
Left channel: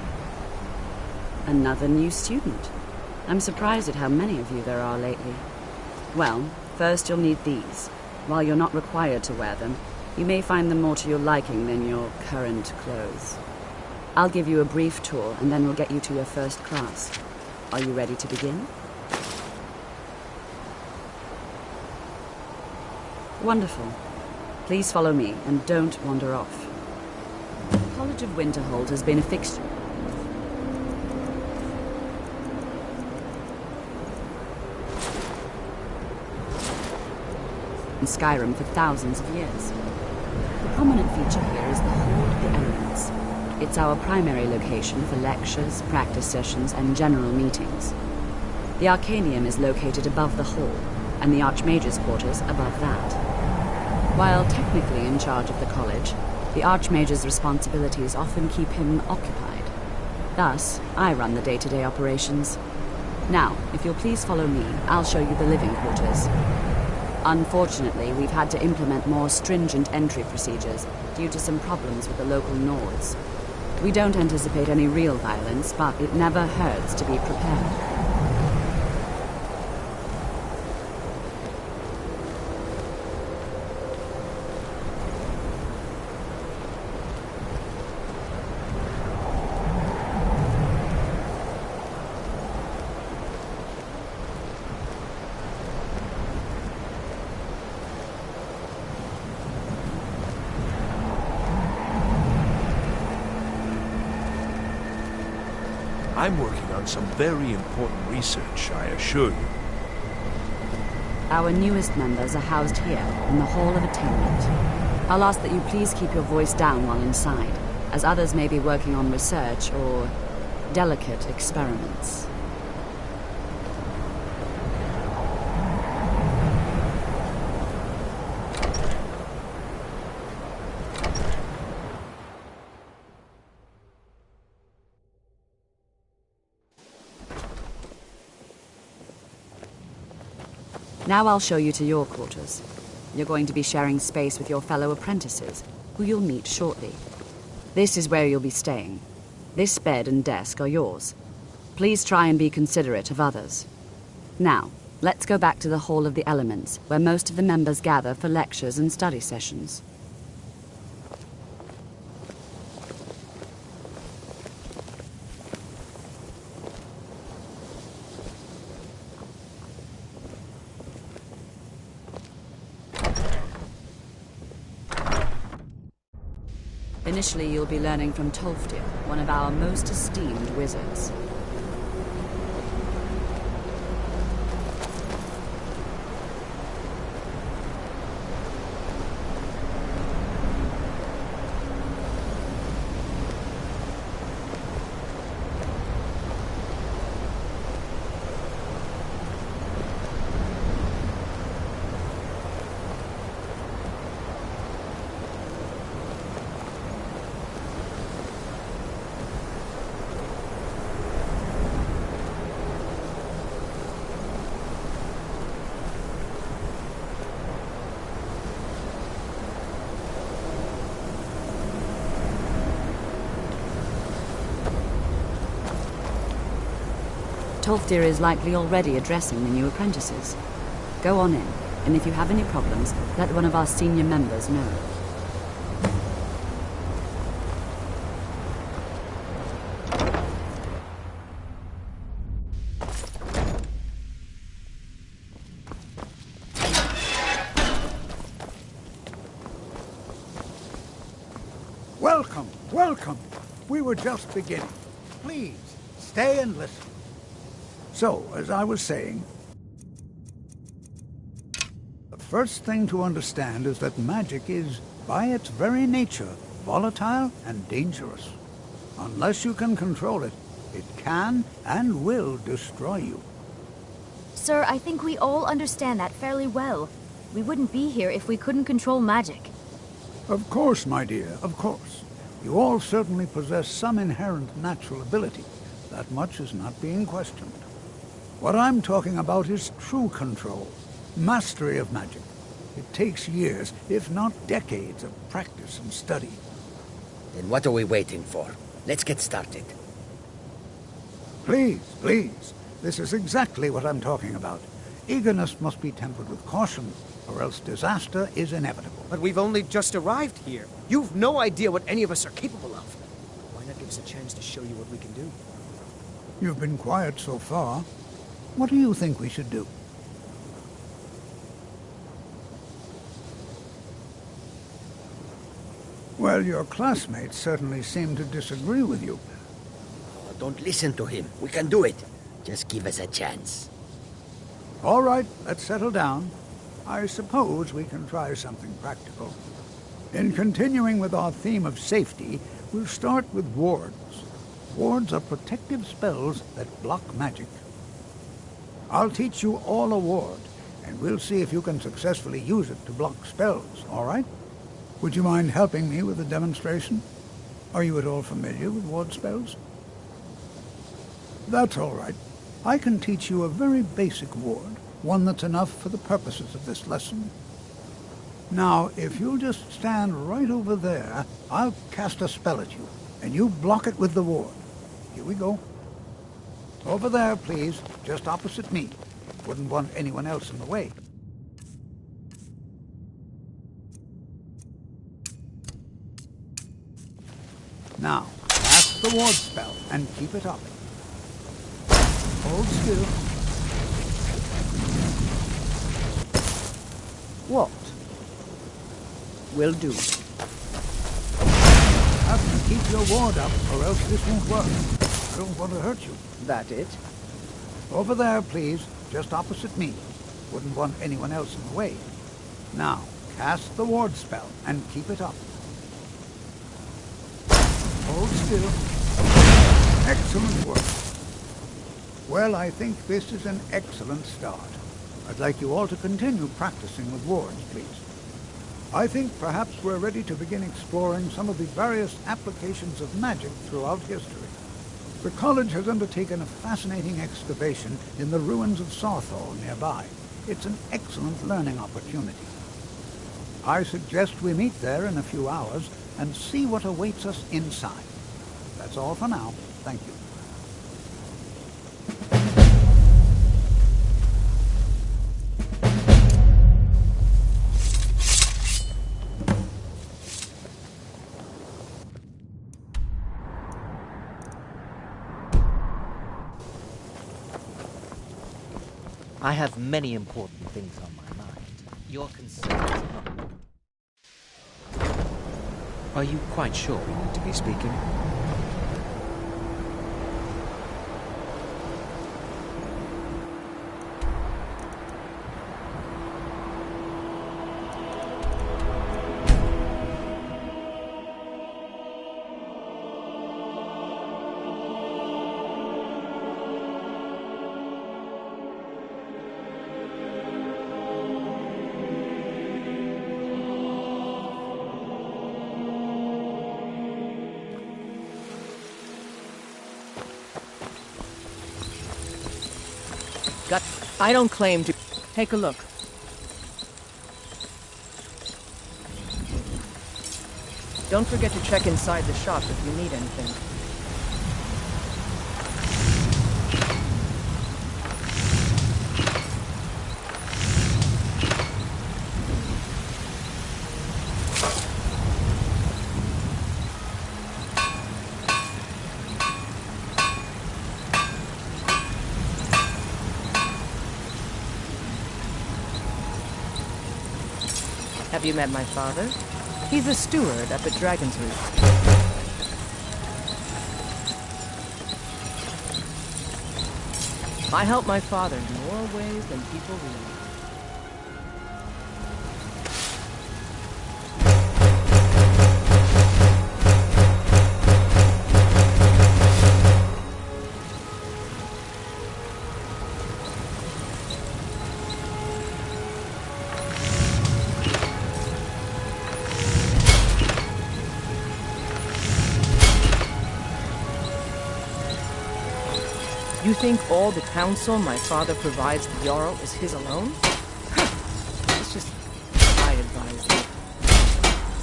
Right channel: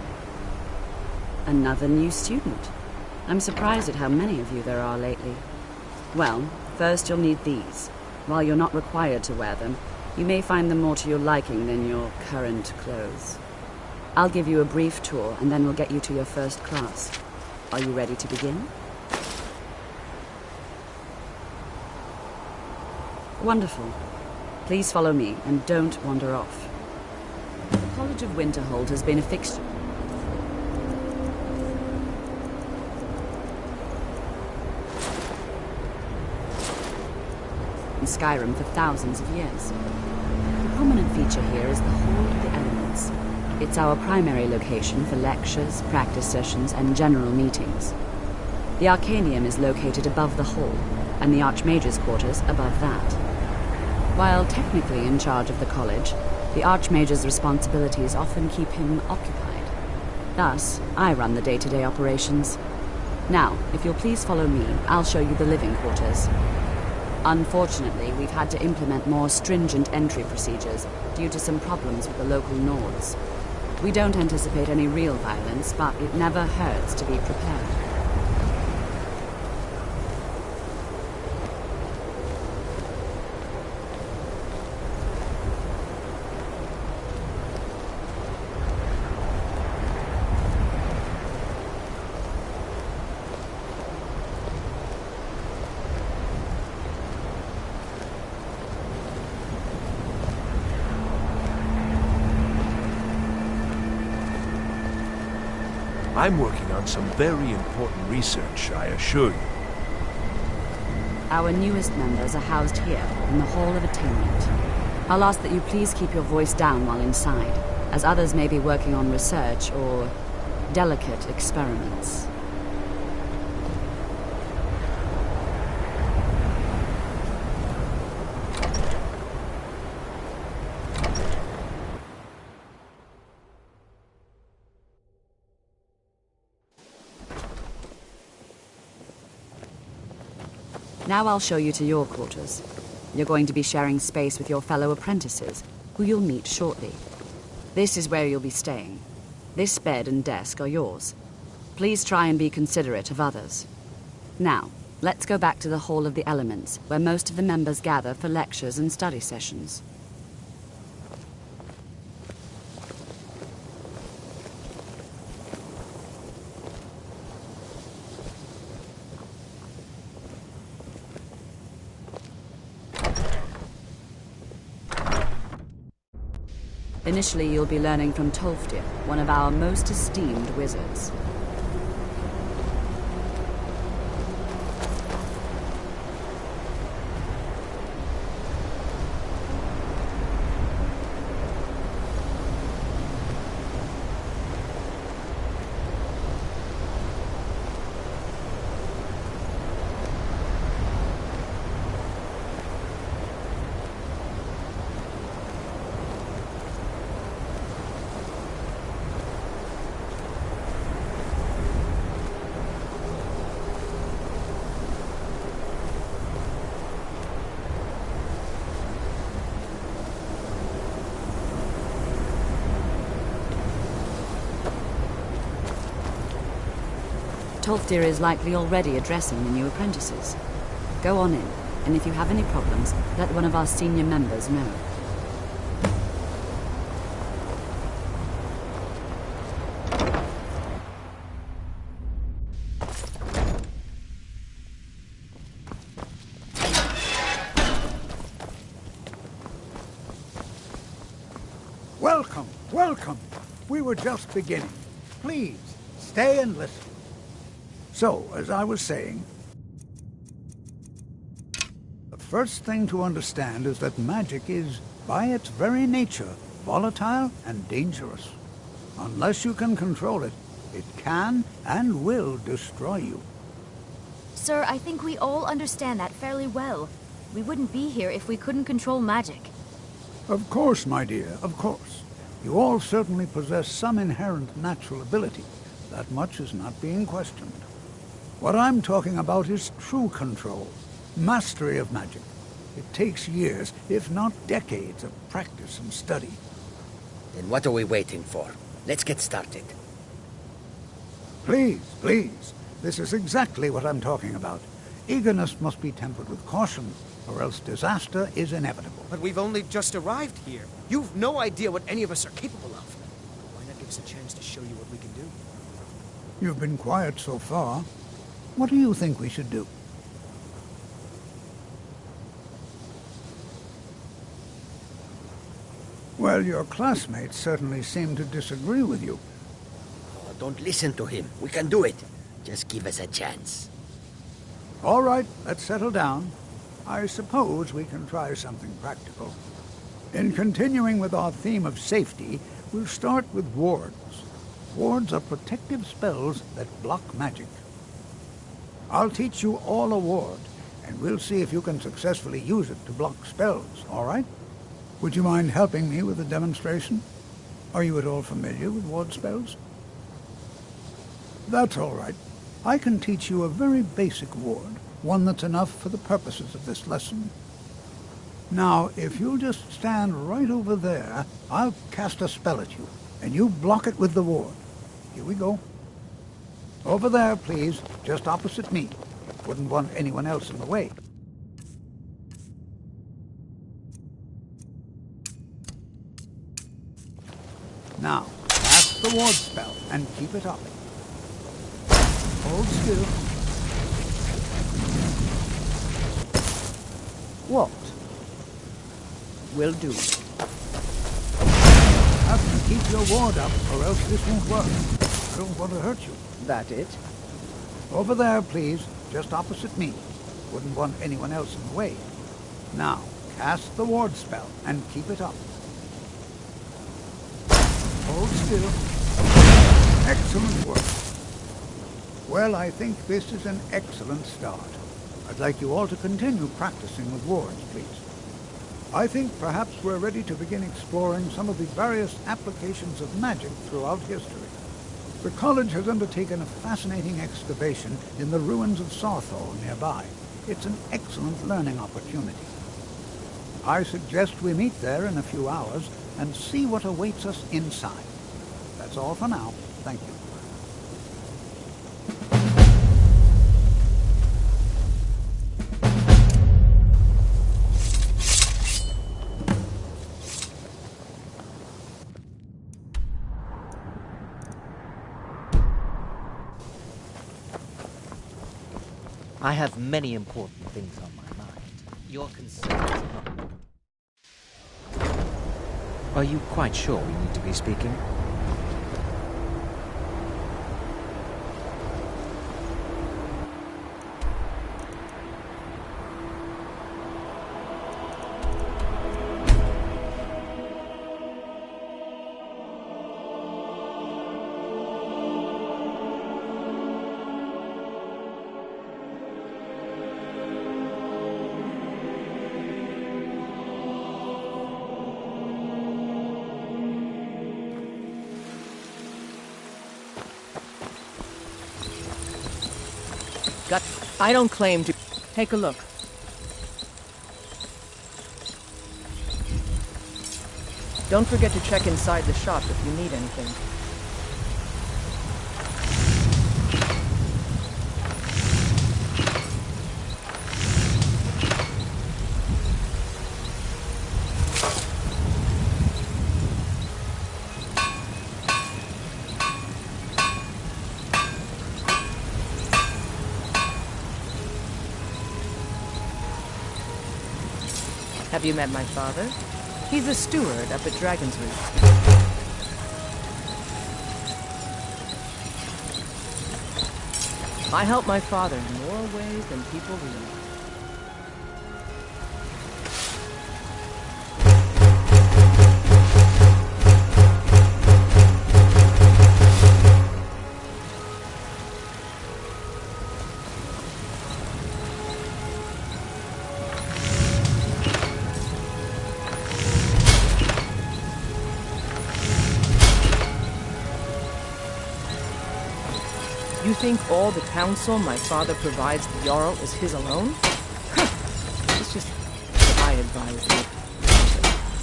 Another new student. I'm surprised at how many of you there are lately. Well, first you'll need these. While you're not required to wear them, you may find them more to your liking than your current clothes. I'll give you a brief tour, and then we'll get you to your first class. Are you ready to begin? Wonderful. Please follow me, and don't wander off. The College of Winterhold has been a fixture in Skyrim for thousands of years. The prominent feature here is the Hall of the Elements. It's our primary location for lectures, practice sessions, and general meetings. The Arcanium is located above the hall, and the Archmage's quarters above that. While technically in charge of the college, the Archmage's responsibilities often keep him occupied. Thus, I run the day-to-day operations. Now, if you'll please follow me, I'll show you the living quarters. Unfortunately, we've had to implement more stringent entry procedures due to some problems with the local Nords. We don't anticipate any real violence, but it never hurts to be prepared. I'm working on some very important research, I assure you. Our newest members are housed here, in the Hall of Attainment. I'll ask that you please keep your voice down while inside, as others may be working on research or delicate experiments. Now I'll show you to your quarters. You're going to be sharing space with your fellow apprentices, who you'll meet shortly. This is where you'll be staying. This bed and desk are yours. Please try and be considerate of others. Now, let's go back to the Hall of the Elements, where most of the members gather for lectures and study sessions. Initially, you'll be learning from Tolfdir, one of our most esteemed wizards. Tolfdir is likely already addressing the new apprentices. Go on in, and if you have any problems, let one of our senior members know. Welcome, welcome. We were just beginning. Please, stay and listen. So, as I was saying, the first thing to understand is that magic is, by its very nature, volatile and dangerous. Unless you can control it, it can and will destroy you. Sir, I think we all understand that fairly well. We wouldn't be here if we couldn't control magic. Of course, my dear, of course. You all certainly possess some inherent natural ability. That much is not being questioned. What I'm talking about is true control, mastery of magic. It takes years, if not decades, of practice and study. Then what are we waiting for? Let's get started. Please, please. This is exactly what I'm talking about. Eagerness must be tempered with caution, or else disaster is inevitable. But we've only just arrived here. You've no idea what any of us are capable of. Why not give us a chance to show you what we can do? You've been quiet so far. What do you think we should do? Well, your classmates certainly seem to disagree with you. Oh, don't listen to him. We can do it. Just give us a chance. All right, let's settle down. I suppose we can try something practical. In continuing with our theme of safety, we'll start with wards. Wards are protective spells that block magic. I'll teach you all a ward, and we'll see if you can successfully use it to block spells, all right? Would you mind helping me with the demonstration? Are you at all familiar with ward spells? That's all right. I can teach you a very basic ward, one that's enough for the purposes of this lesson. Now, if you'll just stand right over there, I'll cast a spell at you, and you block it with the ward. Here we go. Over there, please, just opposite me. Wouldn't want anyone else in the way. Now, cast the ward spell and keep it up. Hold still. What? Will do. Have to keep your ward up, or else this won't work. I don't want to hurt you. That it? Over there, please, just opposite me. Wouldn't want anyone else in the way. Now, cast the ward spell and keep it up. Hold still. Excellent work. Well, I think this is an excellent start. I'd like you all to continue practicing with wards, please. I think perhaps we're ready to begin exploring some of the various applications of magic throughout history. The college has undertaken a fascinating excavation in the ruins of Sarthal nearby. It's an excellent learning opportunity. I suggest we meet there in a few hours and see what awaits us inside. That's all for now. Thank you. I have many important things on my mind. Your concerns are not... Are you quite sure we need to be speaking? I don't claim to... Take a look. Don't forget to check inside the shop if you need anything. Have you met my father? He's a steward up at Dragon's Reach. I help my father in more ways than people realize. You think all the counsel my father provides the Jarl is his alone? It's just I advise you,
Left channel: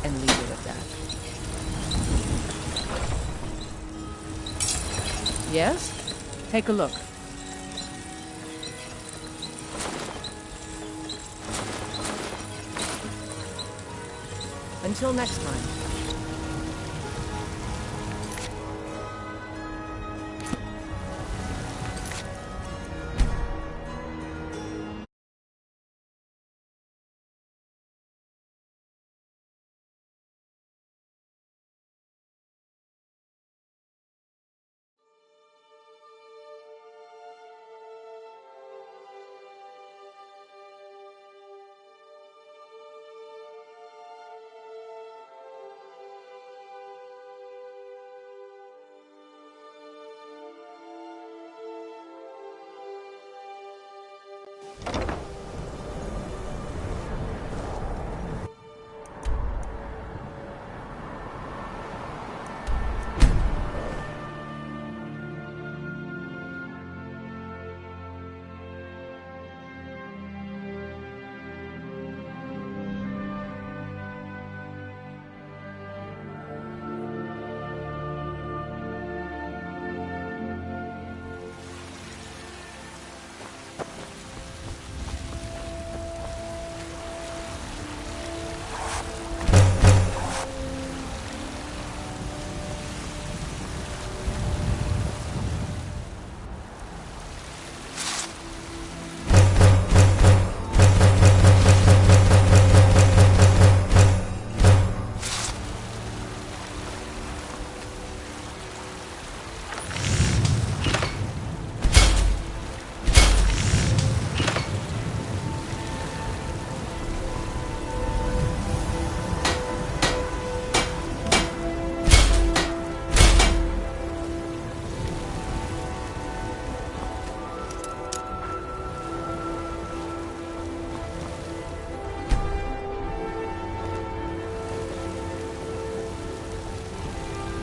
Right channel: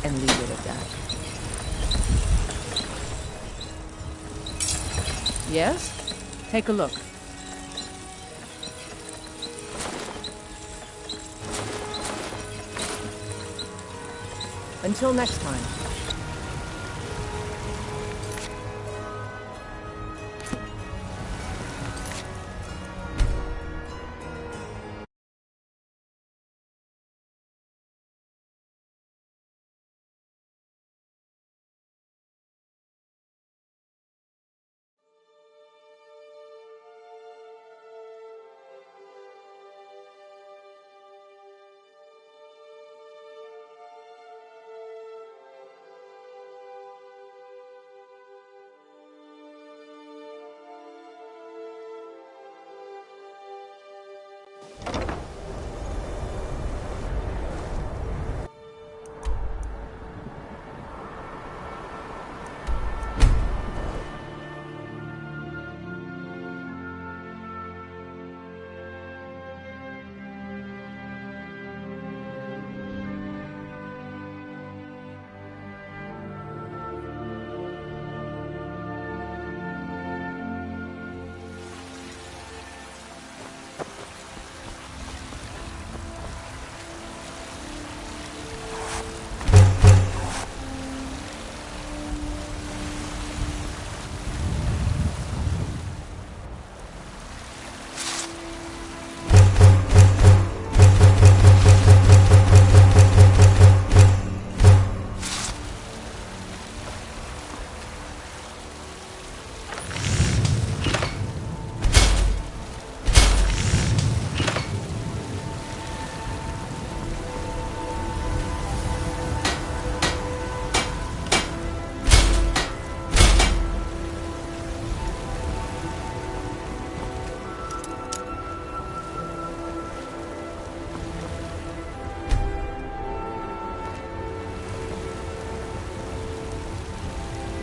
and leave it at that. Yes? Take a look. Until next time.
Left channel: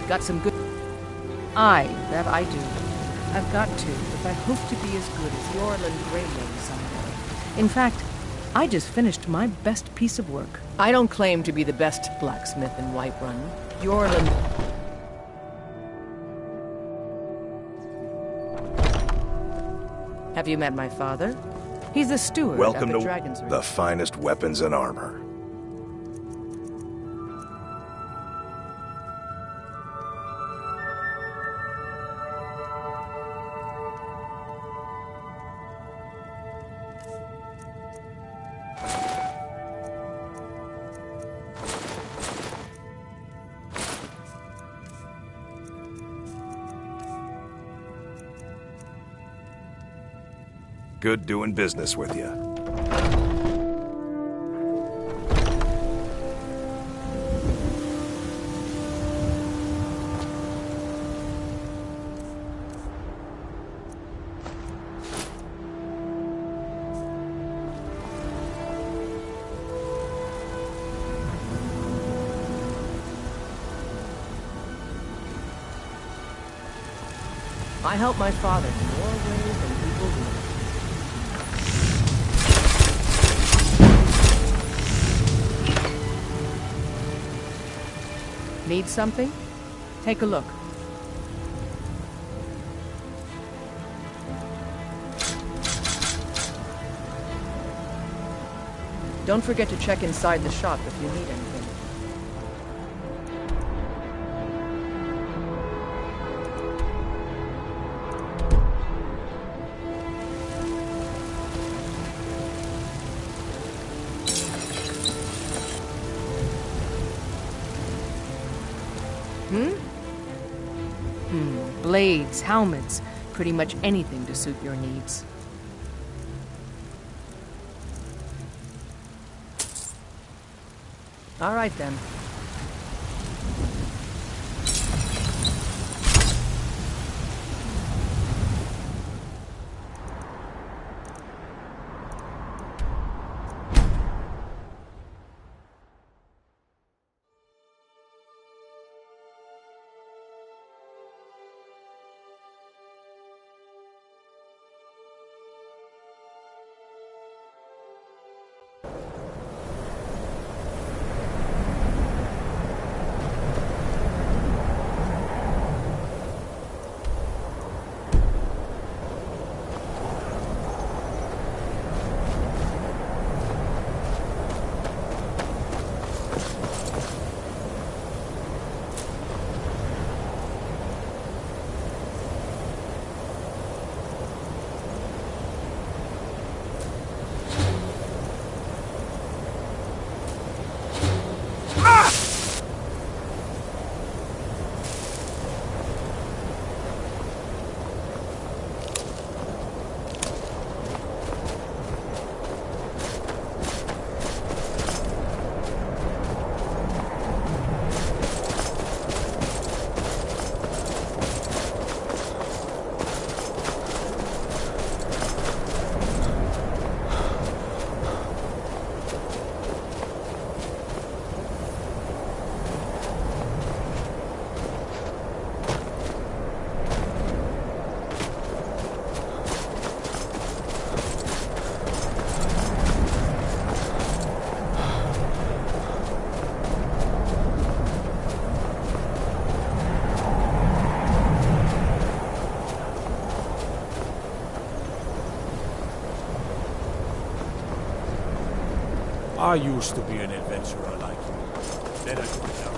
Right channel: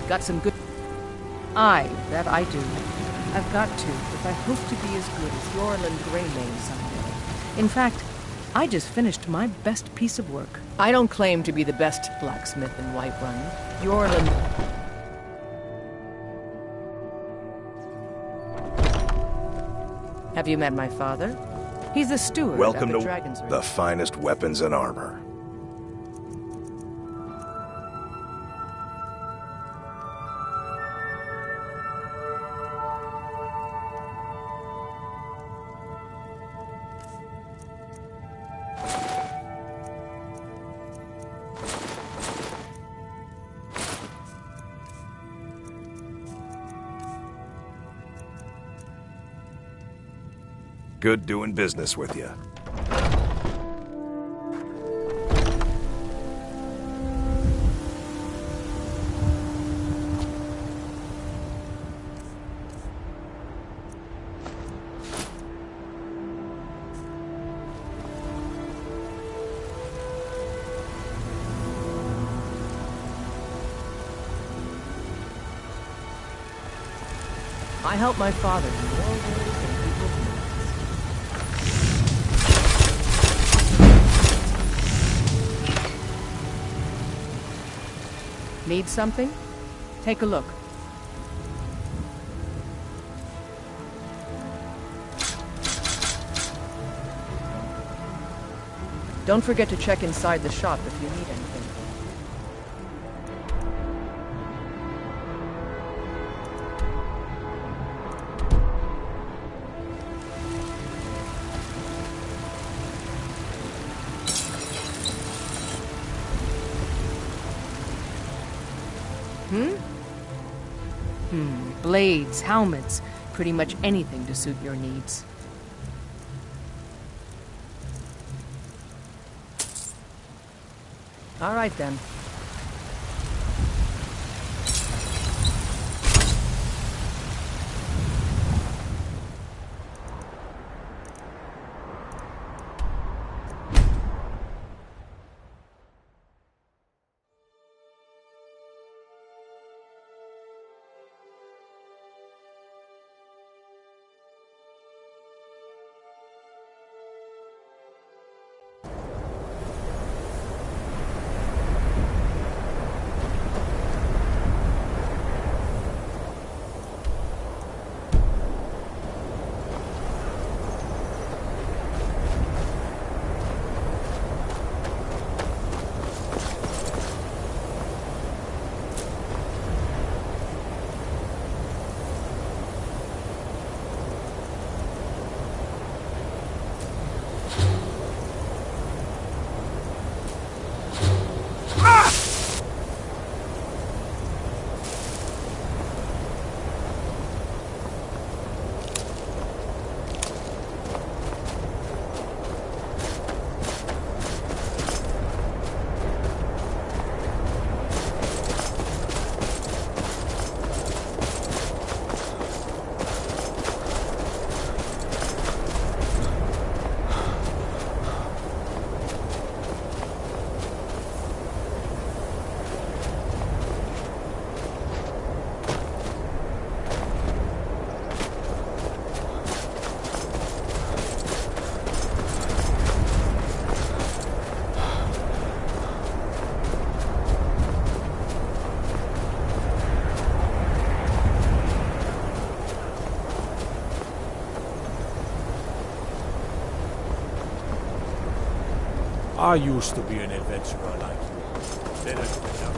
Got some good... Aye, that I do. I've got to, if I hope to be as good as Yorland Greymane someday. In fact, I just finished my best piece of work. I don't claim to be the best blacksmith in Whiterun. Yorland... Have you met my father? He's the steward Welcome at the to Dragon's Reach. the finest weapons and armor. Good doing business with you. I help my father in more ways than people realize. Need something? Take a look. Don't forget to check inside the shop if you need anything. Blades, helmets, pretty much anything to suit your needs. All right, then. I used to be an adventurer like you. Then I took it down.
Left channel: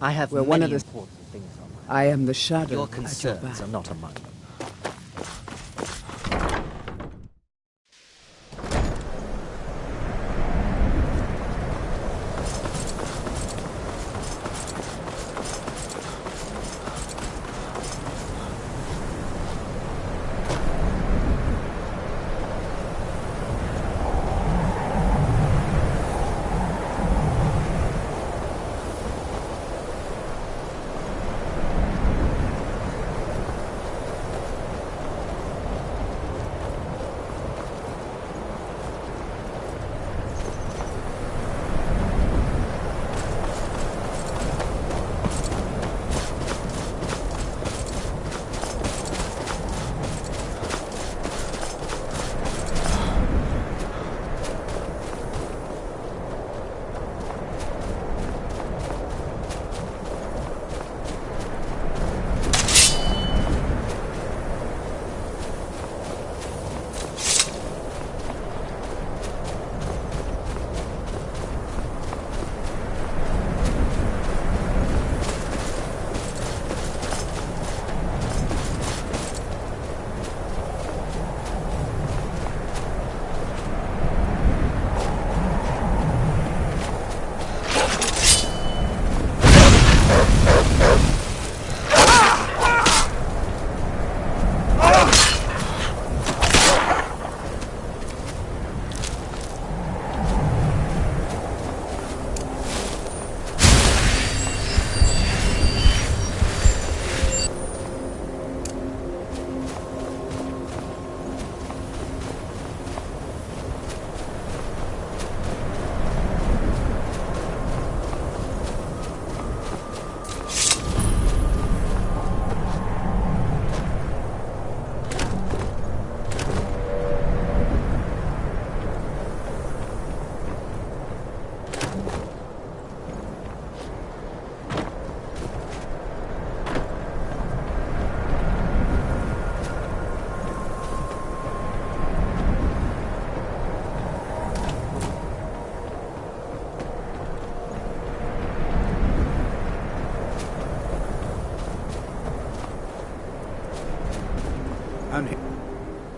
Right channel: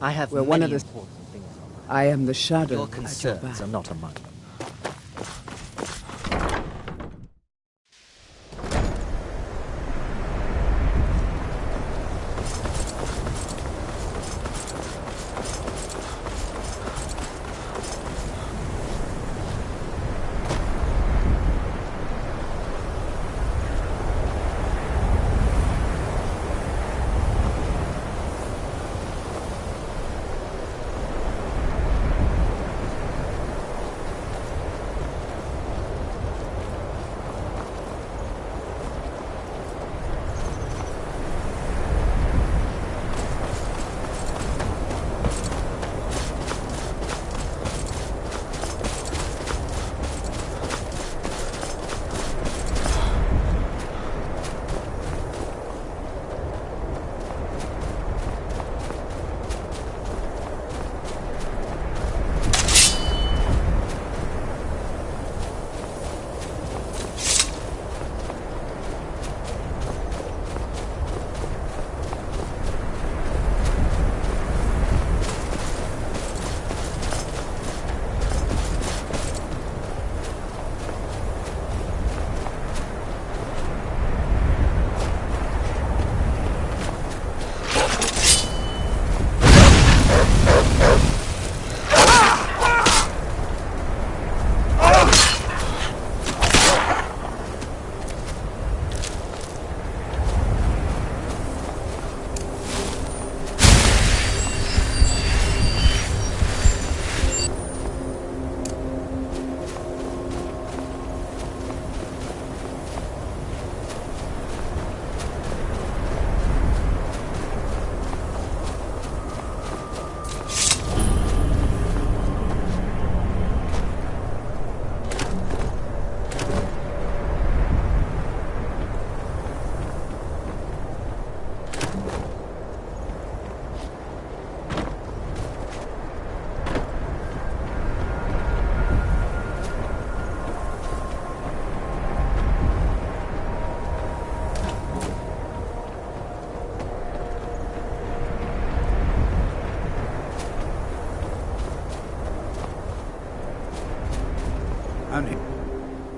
I have We're many one of the... important things on mind. I am the shadow Your at your concerns back. are not among them.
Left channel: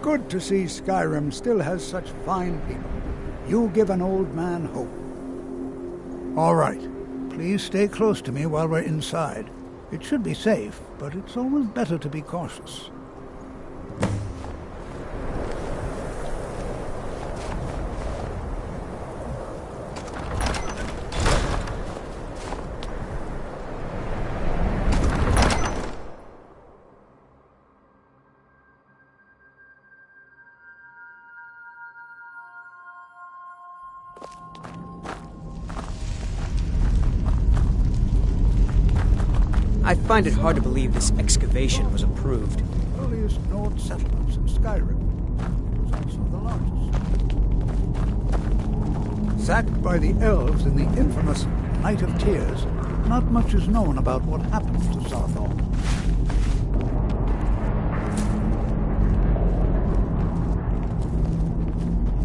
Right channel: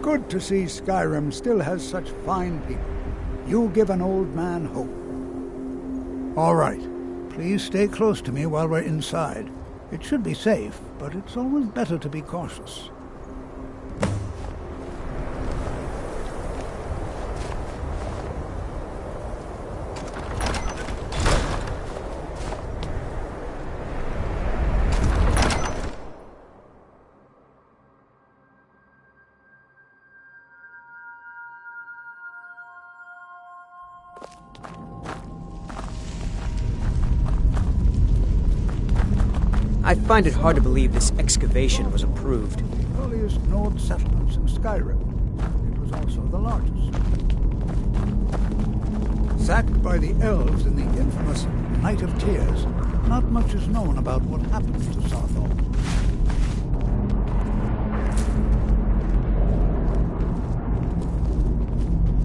good to see Skyrim still has such fine people. You give an old man hope. All right. Please stay close to me while we're inside. It should be safe, but it's always better to be cautious. I find it hard to believe this excavation was approved. Earliest Nord settlements in Skyrim. It was also the largest. Sacked by the elves in the infamous Night of Tears, not much is known about what happened to Sarthal.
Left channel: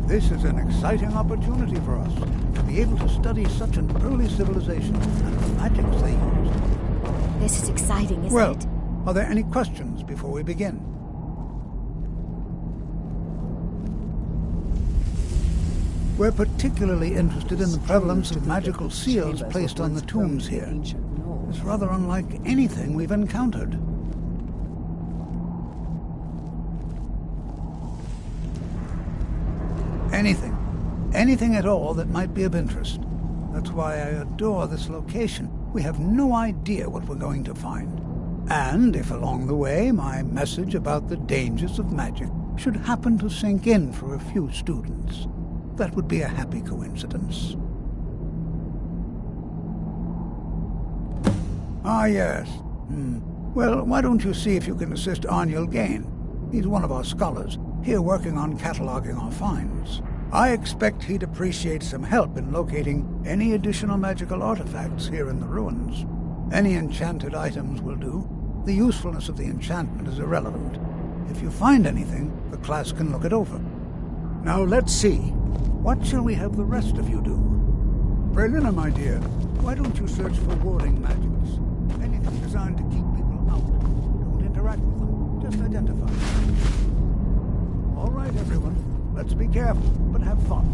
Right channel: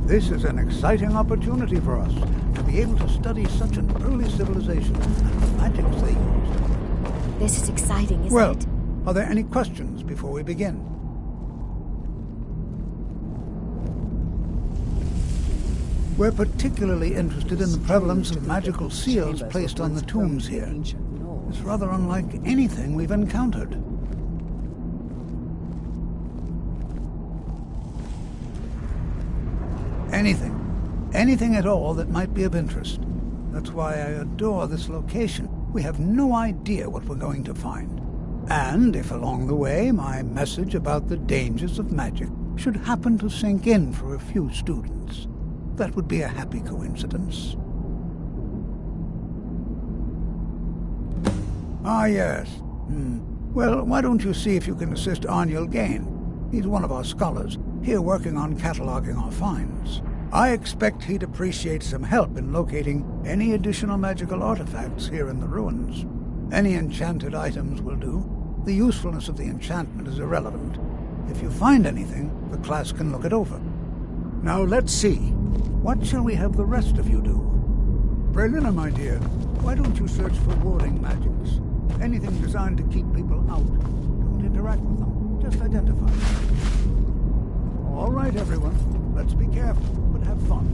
This is an exciting opportunity for us to be able to study such an early civilization and the magics they used. This is exciting, isn't Well, it? are there any questions before we begin? We're particularly interested in the prevalence of magical seals placed on the tombs here. It's rather unlike anything we've encountered. Anything at all that might be of interest. That's why I adore this location. We have no idea what we're going to find. And if along the way my message about the dangers of magic should happen to sink in for a few students, that would be a happy coincidence. Ah, yes. Well, why don't you see if you can assist Arniel Gain? He's one of our scholars, here working on cataloging our finds. I expect he'd appreciate some help in locating any additional magical artifacts here in the ruins. Any enchanted items will do. The usefulness of the enchantment is irrelevant. If you find anything, the class can look it over. Now let's see. What shall we have the rest of you do? Praelina, my dear, why don't you search for warding magics? Anything designed to keep people out. Don't interact with them. Just identify them. All right, everyone. Let's be careful, but have fun.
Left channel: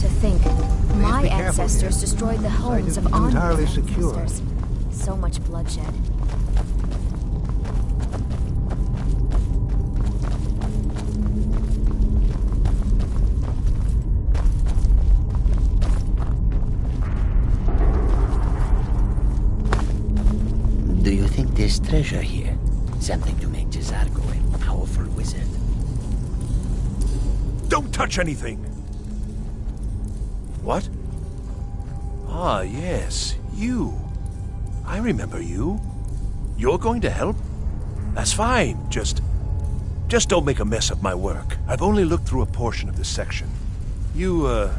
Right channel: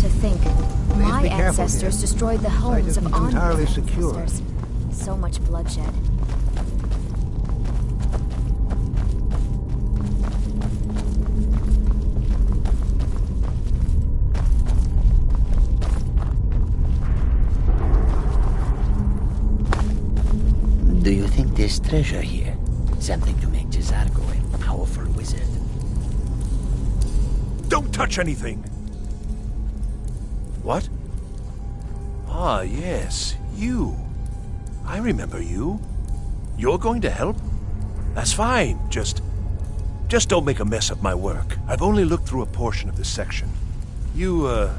To think, my be careful ancestors here. destroyed the homes of isn't Arniel's entirely secure. ancestors. So much bloodshed. Do you think there's treasure here? Something to make Jazargo a powerful wizard? Don't touch anything! What? Ah, yes, you. I remember you. You're going to help? That's fine. Just don't make a mess of my work. I've only looked through a portion of this section. You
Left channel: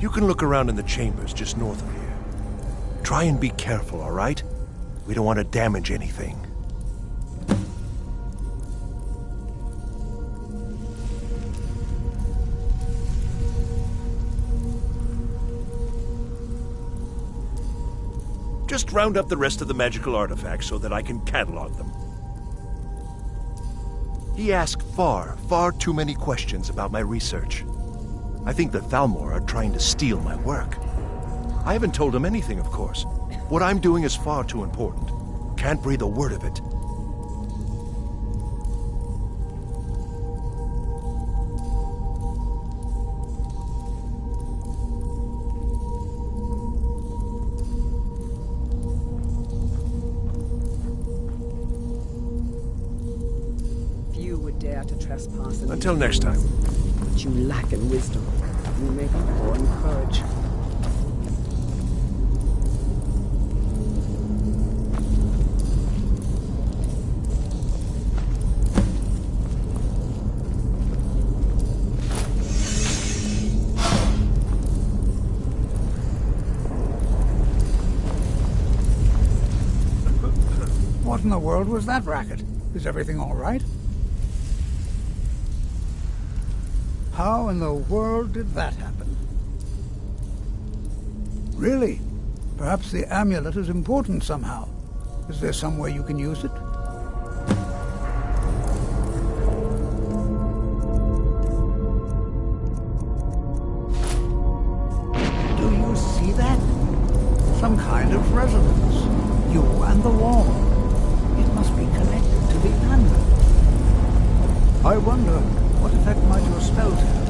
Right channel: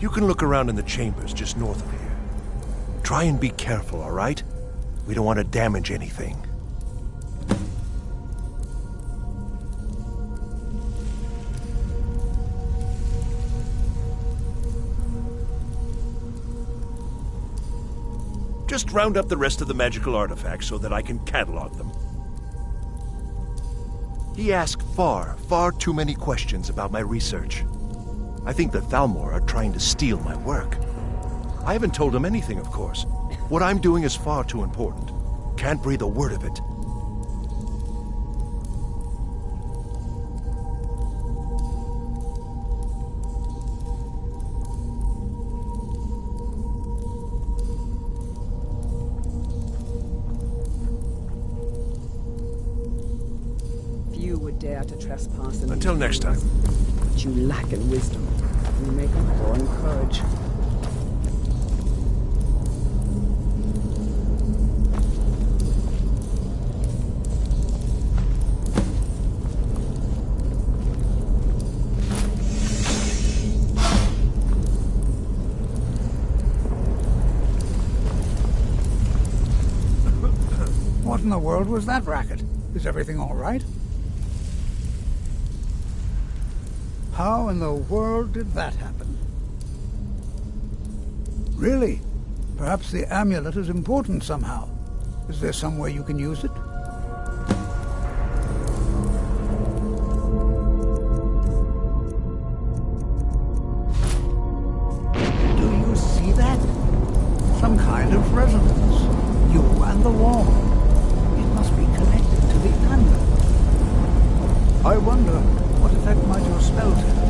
can look around in the chambers just north of here. Try and be careful, all right? We don't want to damage anything. Just round up the rest of the magical artifacts so that I can catalog them. He asked far too many questions about my research. I think the Thalmor are trying to steal my work. I haven't told him anything, of course. What I'm doing is far too important. Can't breathe a word of it. Few would dare to trespass in Until these next time. ruins. But you lack in wisdom. You make up for in courage. What in the world was that racket? Is everything all right? How in the world did that happen? Really? Perhaps the amulet is important somehow. Is there some way you can use it? kind of resonance. You and the wall. It must be connected to the amulet. I wonder, what effect might your spells have?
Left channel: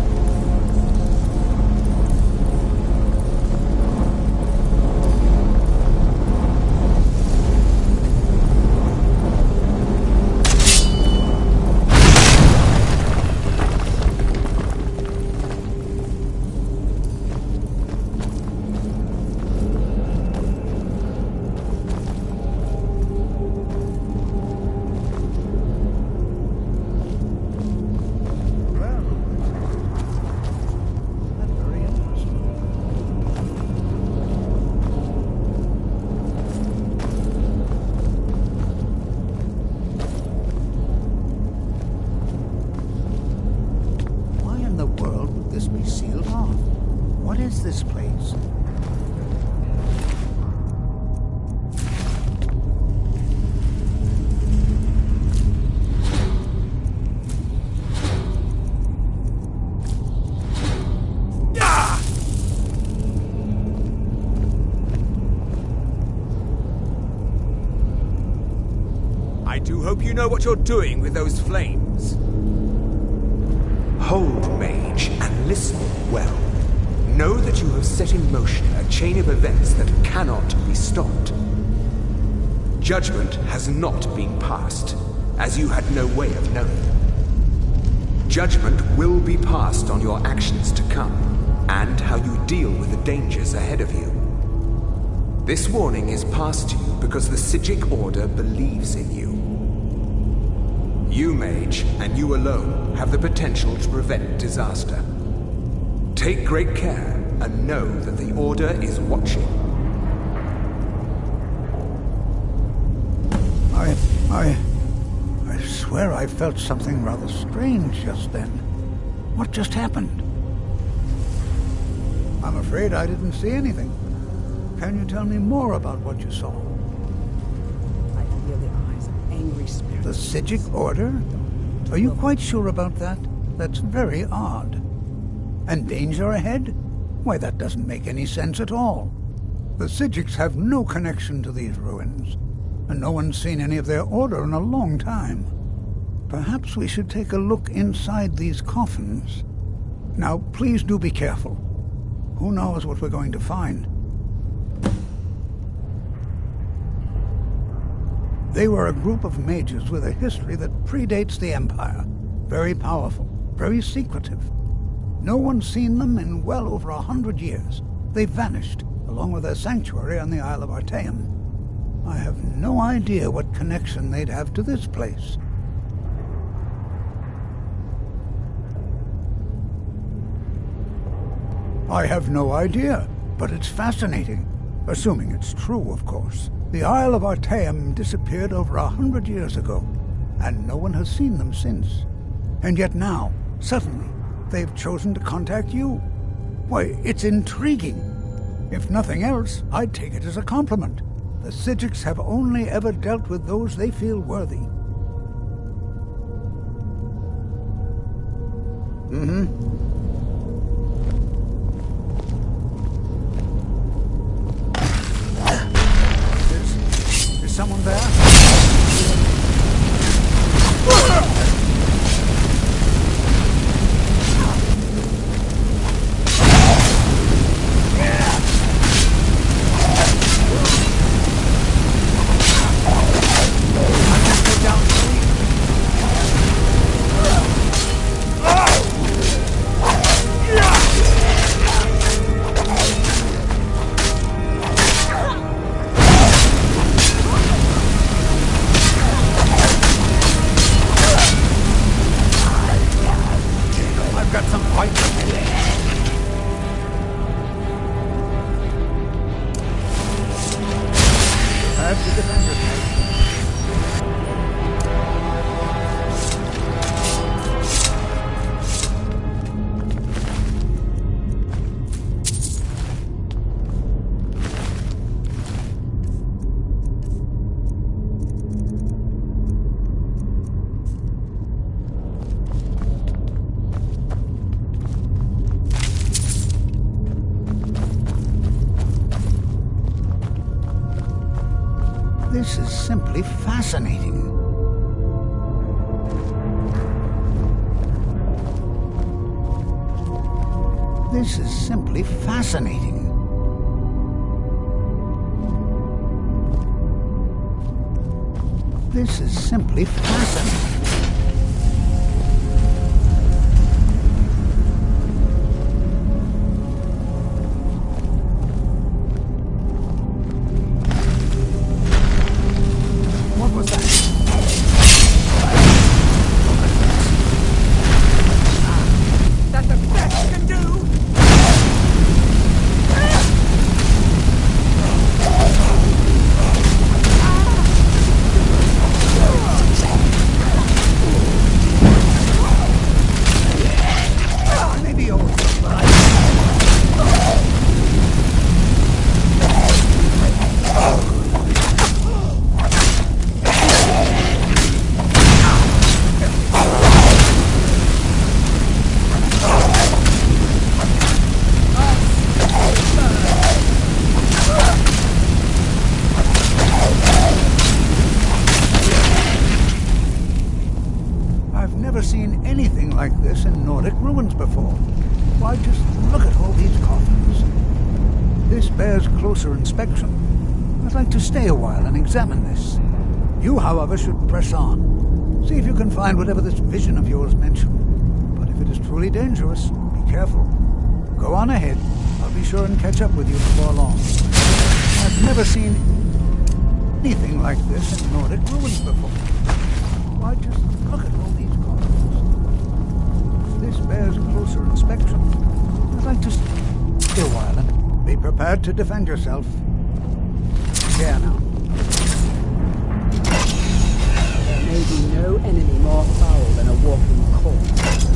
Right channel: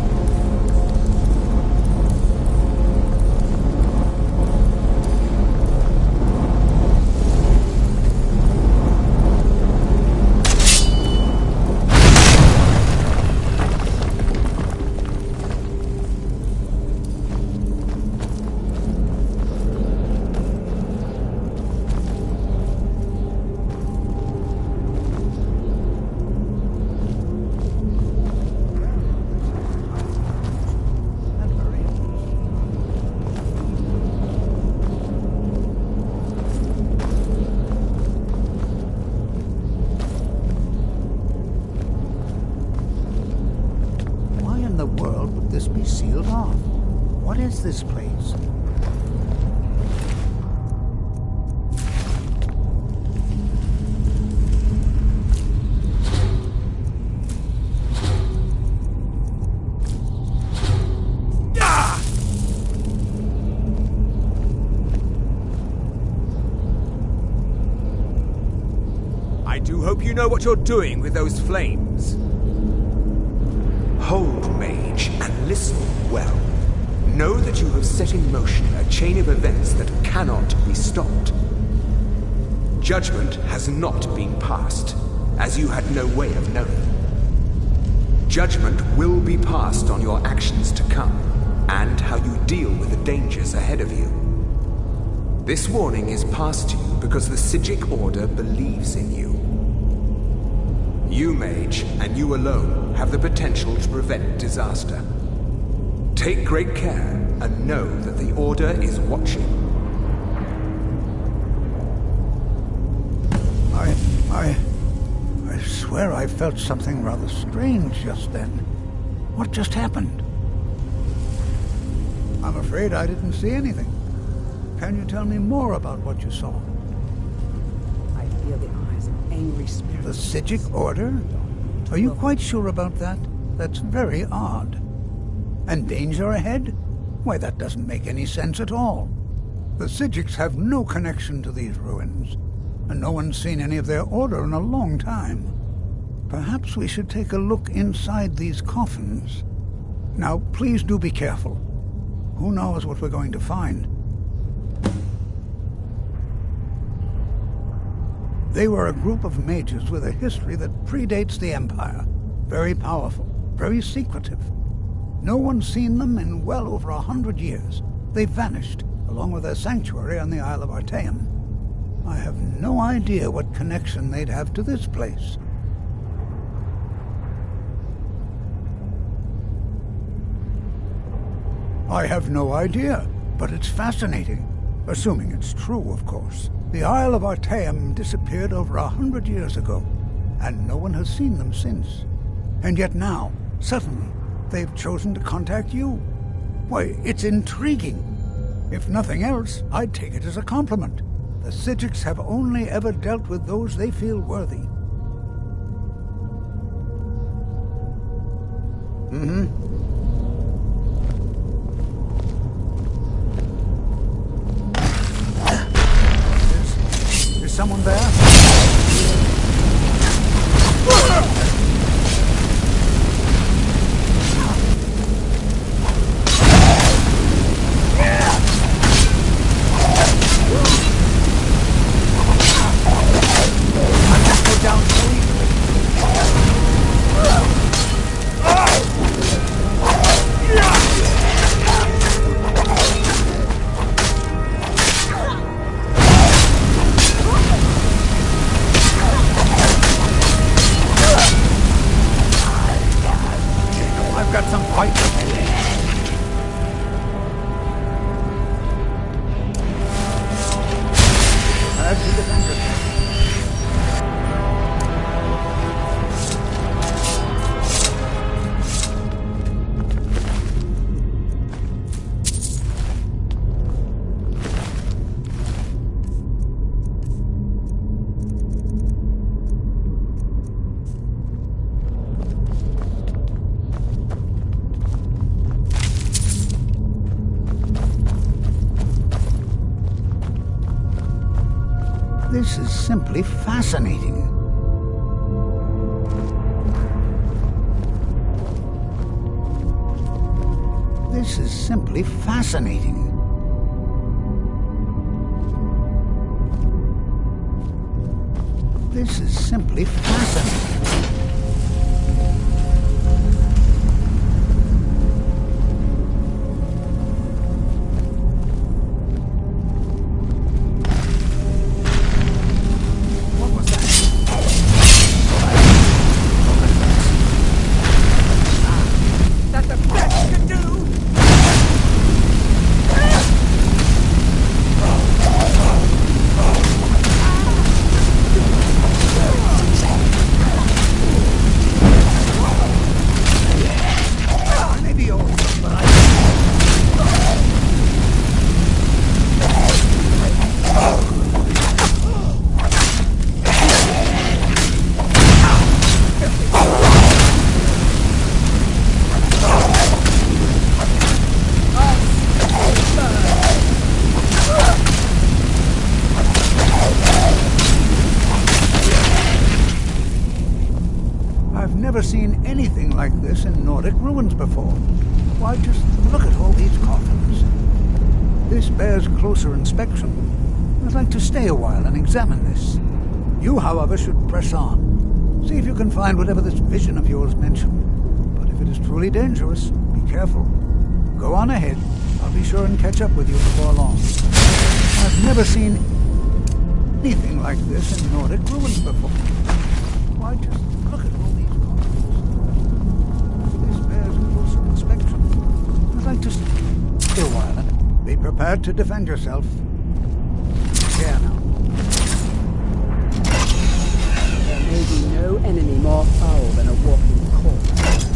The world would this be sealed off? What is this place? I do hope you know what you're doing with those flames. Hold, mage, and listen well. Know that you have set in motion a chain of events that cannot be stopped. Judgment has not been passed, as you had no way of knowing. Judgment will be passed on your actions to come, and how you deal with the dangers ahead of you. This warning is passed to you because the Psijic Order believes in you. You, mage, and you alone, have the potential to prevent disaster. Take great care, and know that the Order is watching. I swear I felt something rather strange just then. What just happened? I'm afraid I didn't see anything. Can you tell me more about what you saw? I feel the eyes of angry spirits. The Psijic Order? Are you quite sure about that? That's very odd. And danger ahead? Why, that doesn't make any sense at all. The Psijics have no connection to these ruins, and no one's seen any of their order in a long time. Perhaps we should take a look inside these coffins. Now, please do be careful. Who knows what we're going to find? They were a group of mages with a history that predates the Empire. Very powerful, very secretive. No one's seen them in well over 100 years. They vanished, along with their sanctuary on the Isle of Artaeum. I have no idea what connection they'd have to this place. I have no idea, but it's fascinating. Assuming it's true, of course. The Isle of Artaeum disappeared over 100 years ago, and no one has seen them since. And yet now, suddenly, they've chosen to contact you. Why, it's intriguing. If nothing else, I'd take it as a compliment. The Psijics have only ever dealt with those they feel worthy. Is someone there? I've got some fight. Prepare to defend yourself. This is simply fascinating. This is simply fascinating. This is simply fascinating. What was that? That's the best you can do! Maybe old, but I've never seen anything like this in Nordic ruins before. Why, just look at all these coffins. This bears closer inspection. I'd like to stay a while and examine this. You, however, should press on. See if you can find whatever this vision of yours mentioned. But if it is truly dangerous, be careful. Go on ahead. I'll be sure and catch up with you before long. I've never seen anything like this in Nordic ruins before. Why, just look at all these coffins. This bears closer inspection. I'd like to stay a while and be prepared to defend yourself. Here now. There may be no enemy more foul than a walking corpse.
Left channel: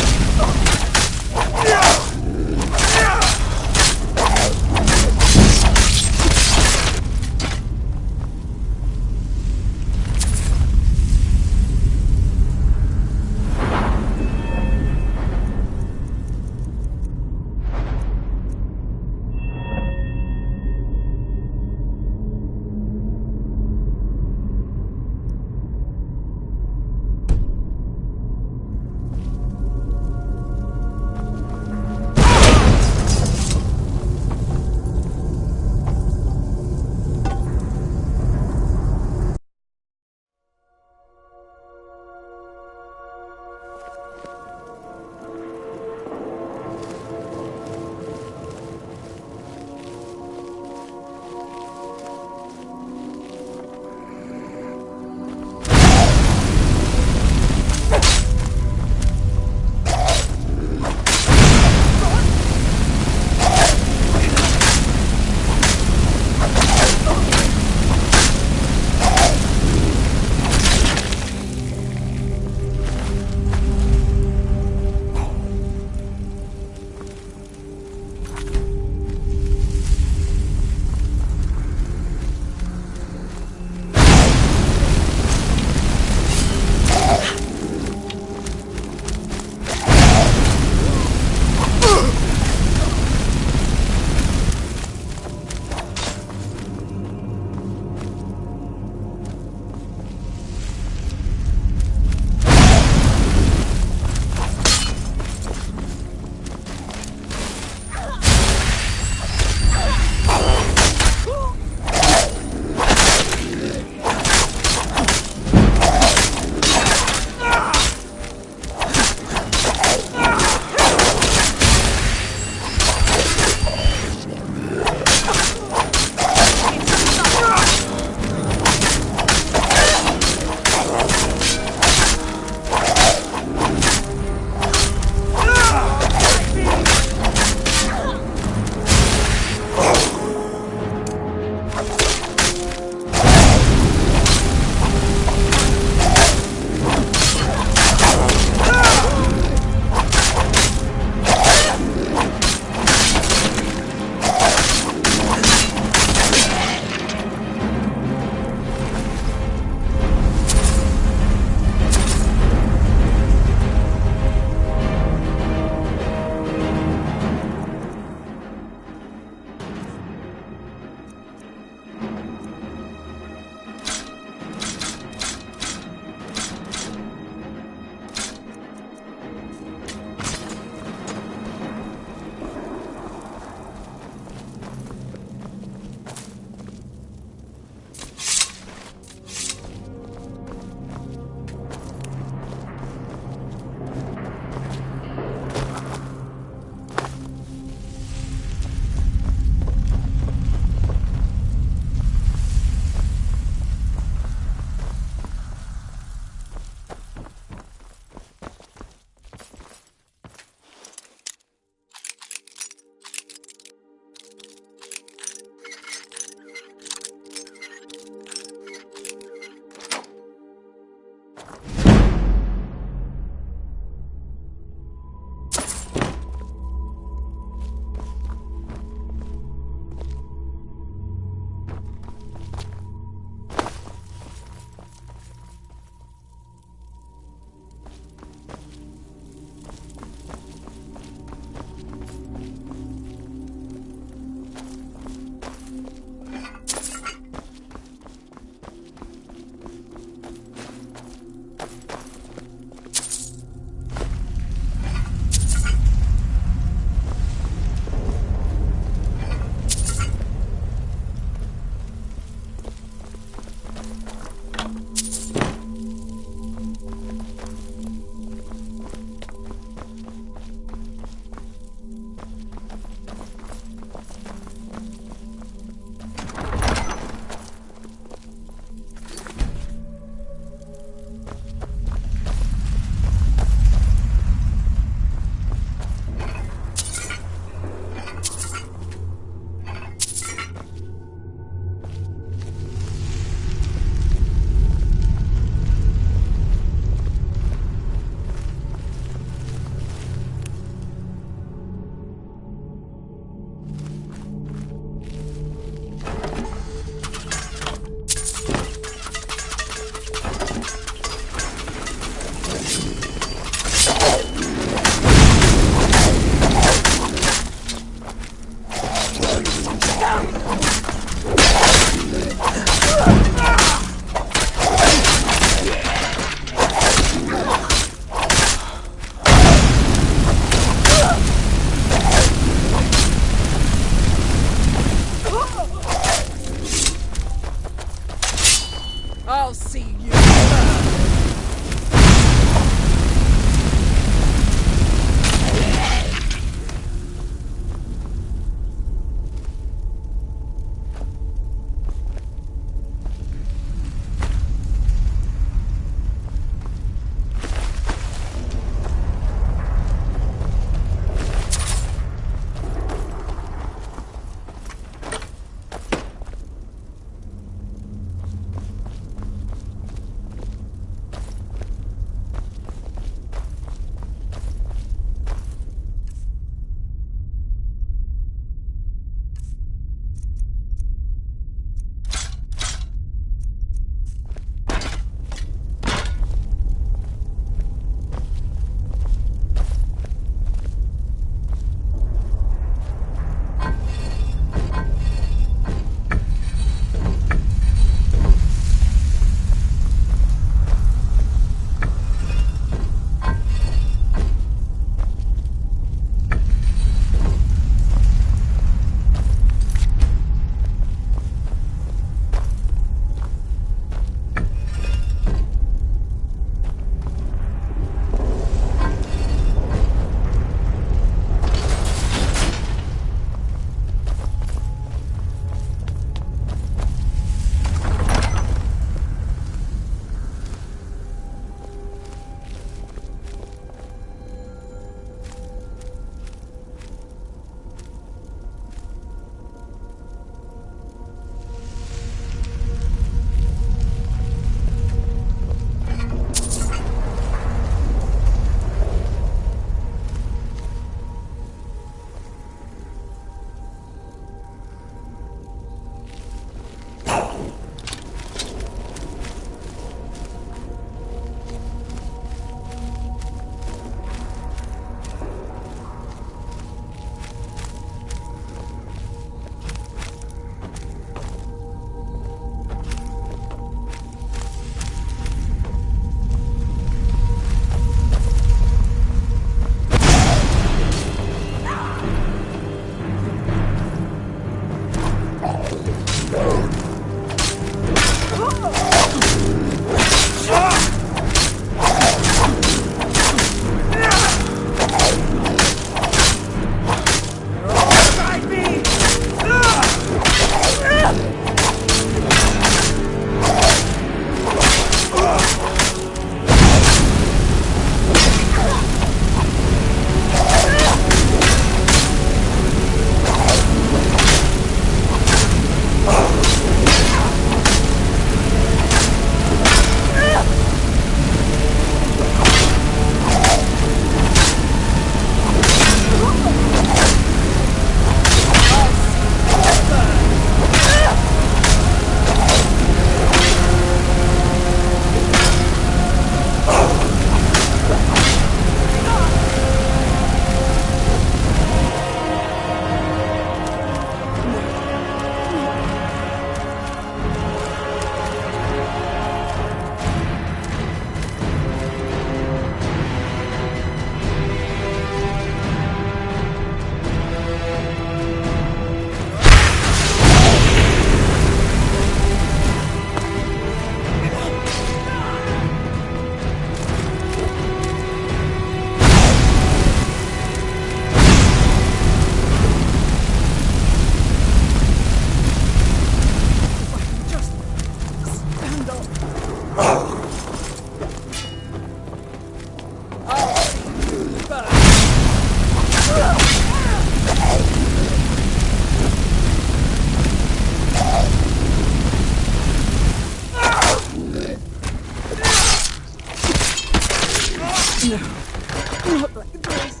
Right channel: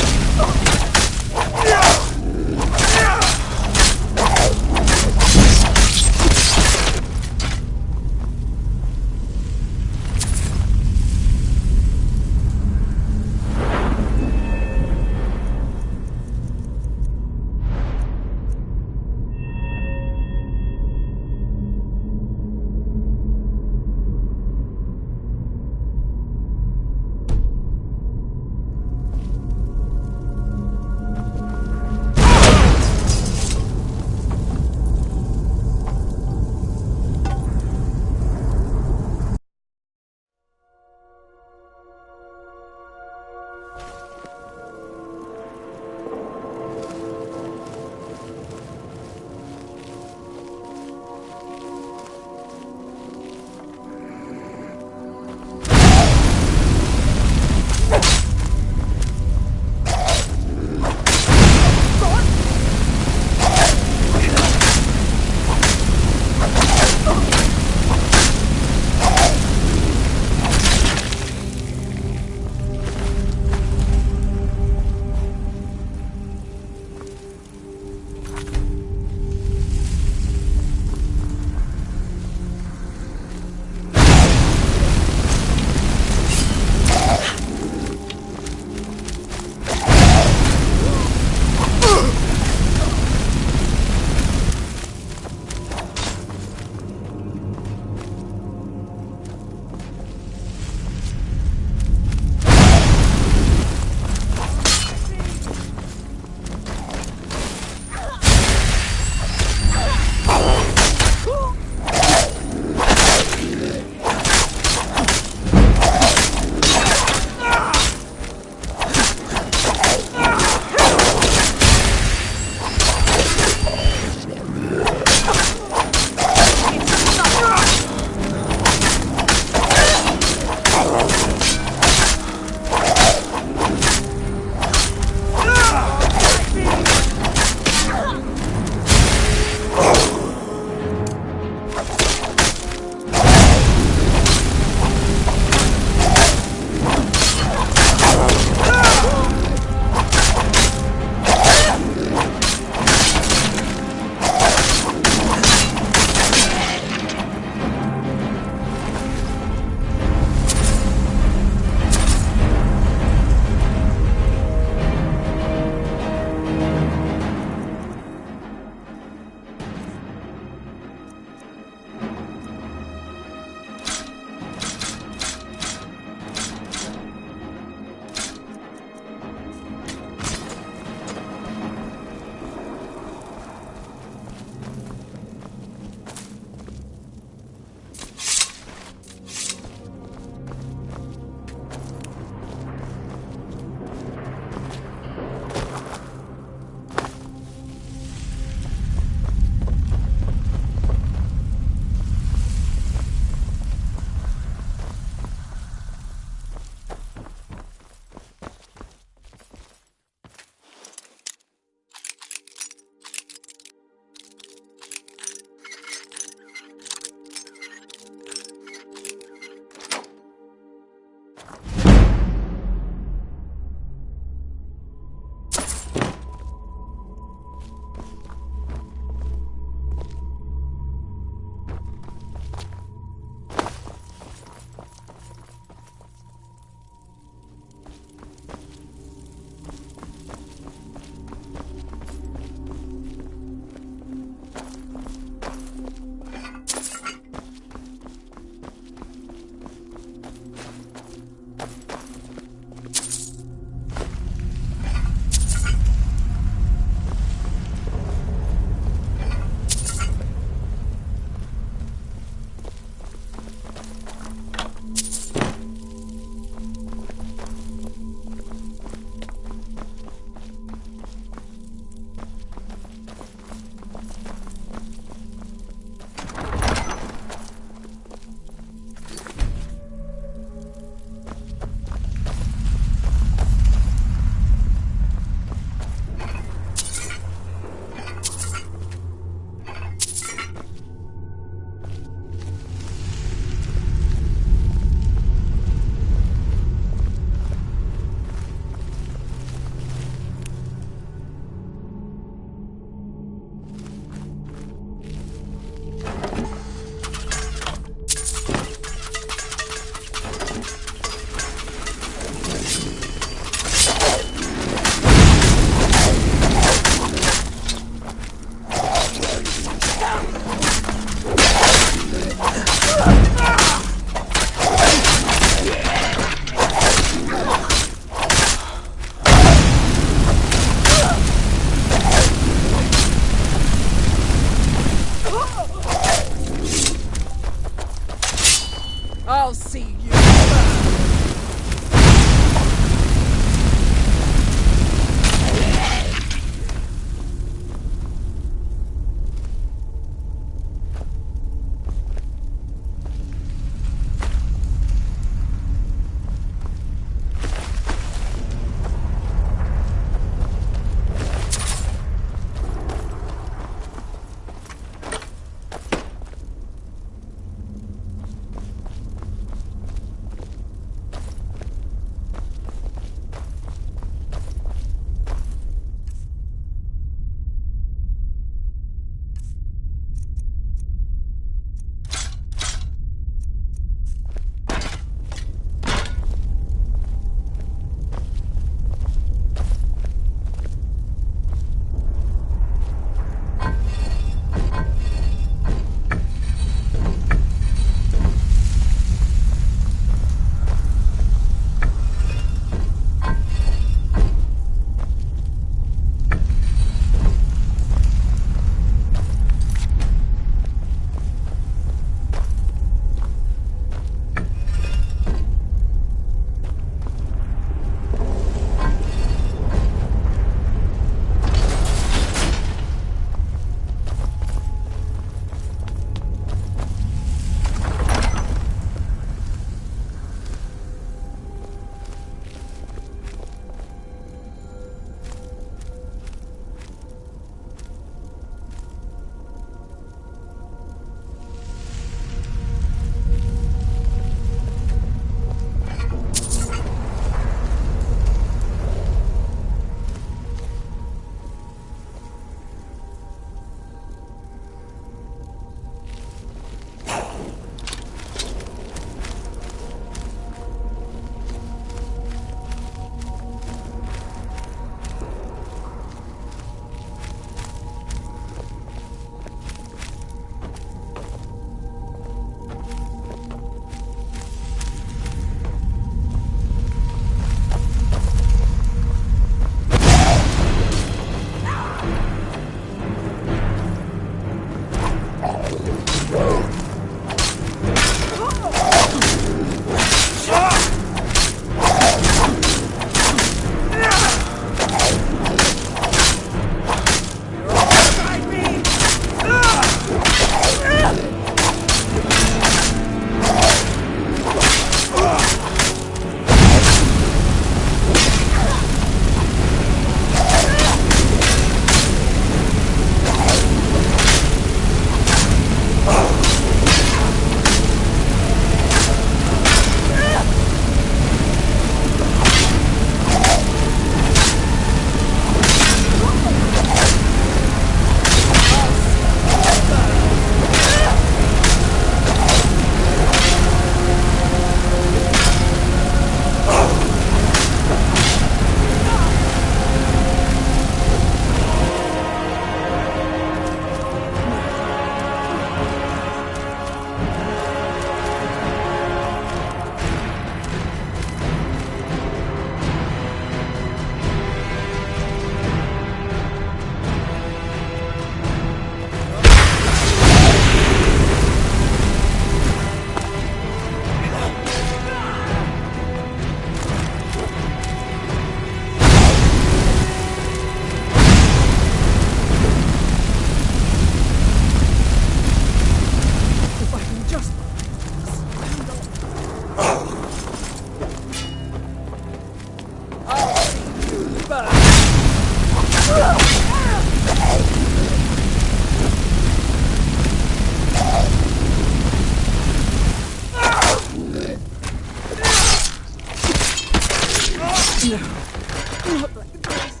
Not like this.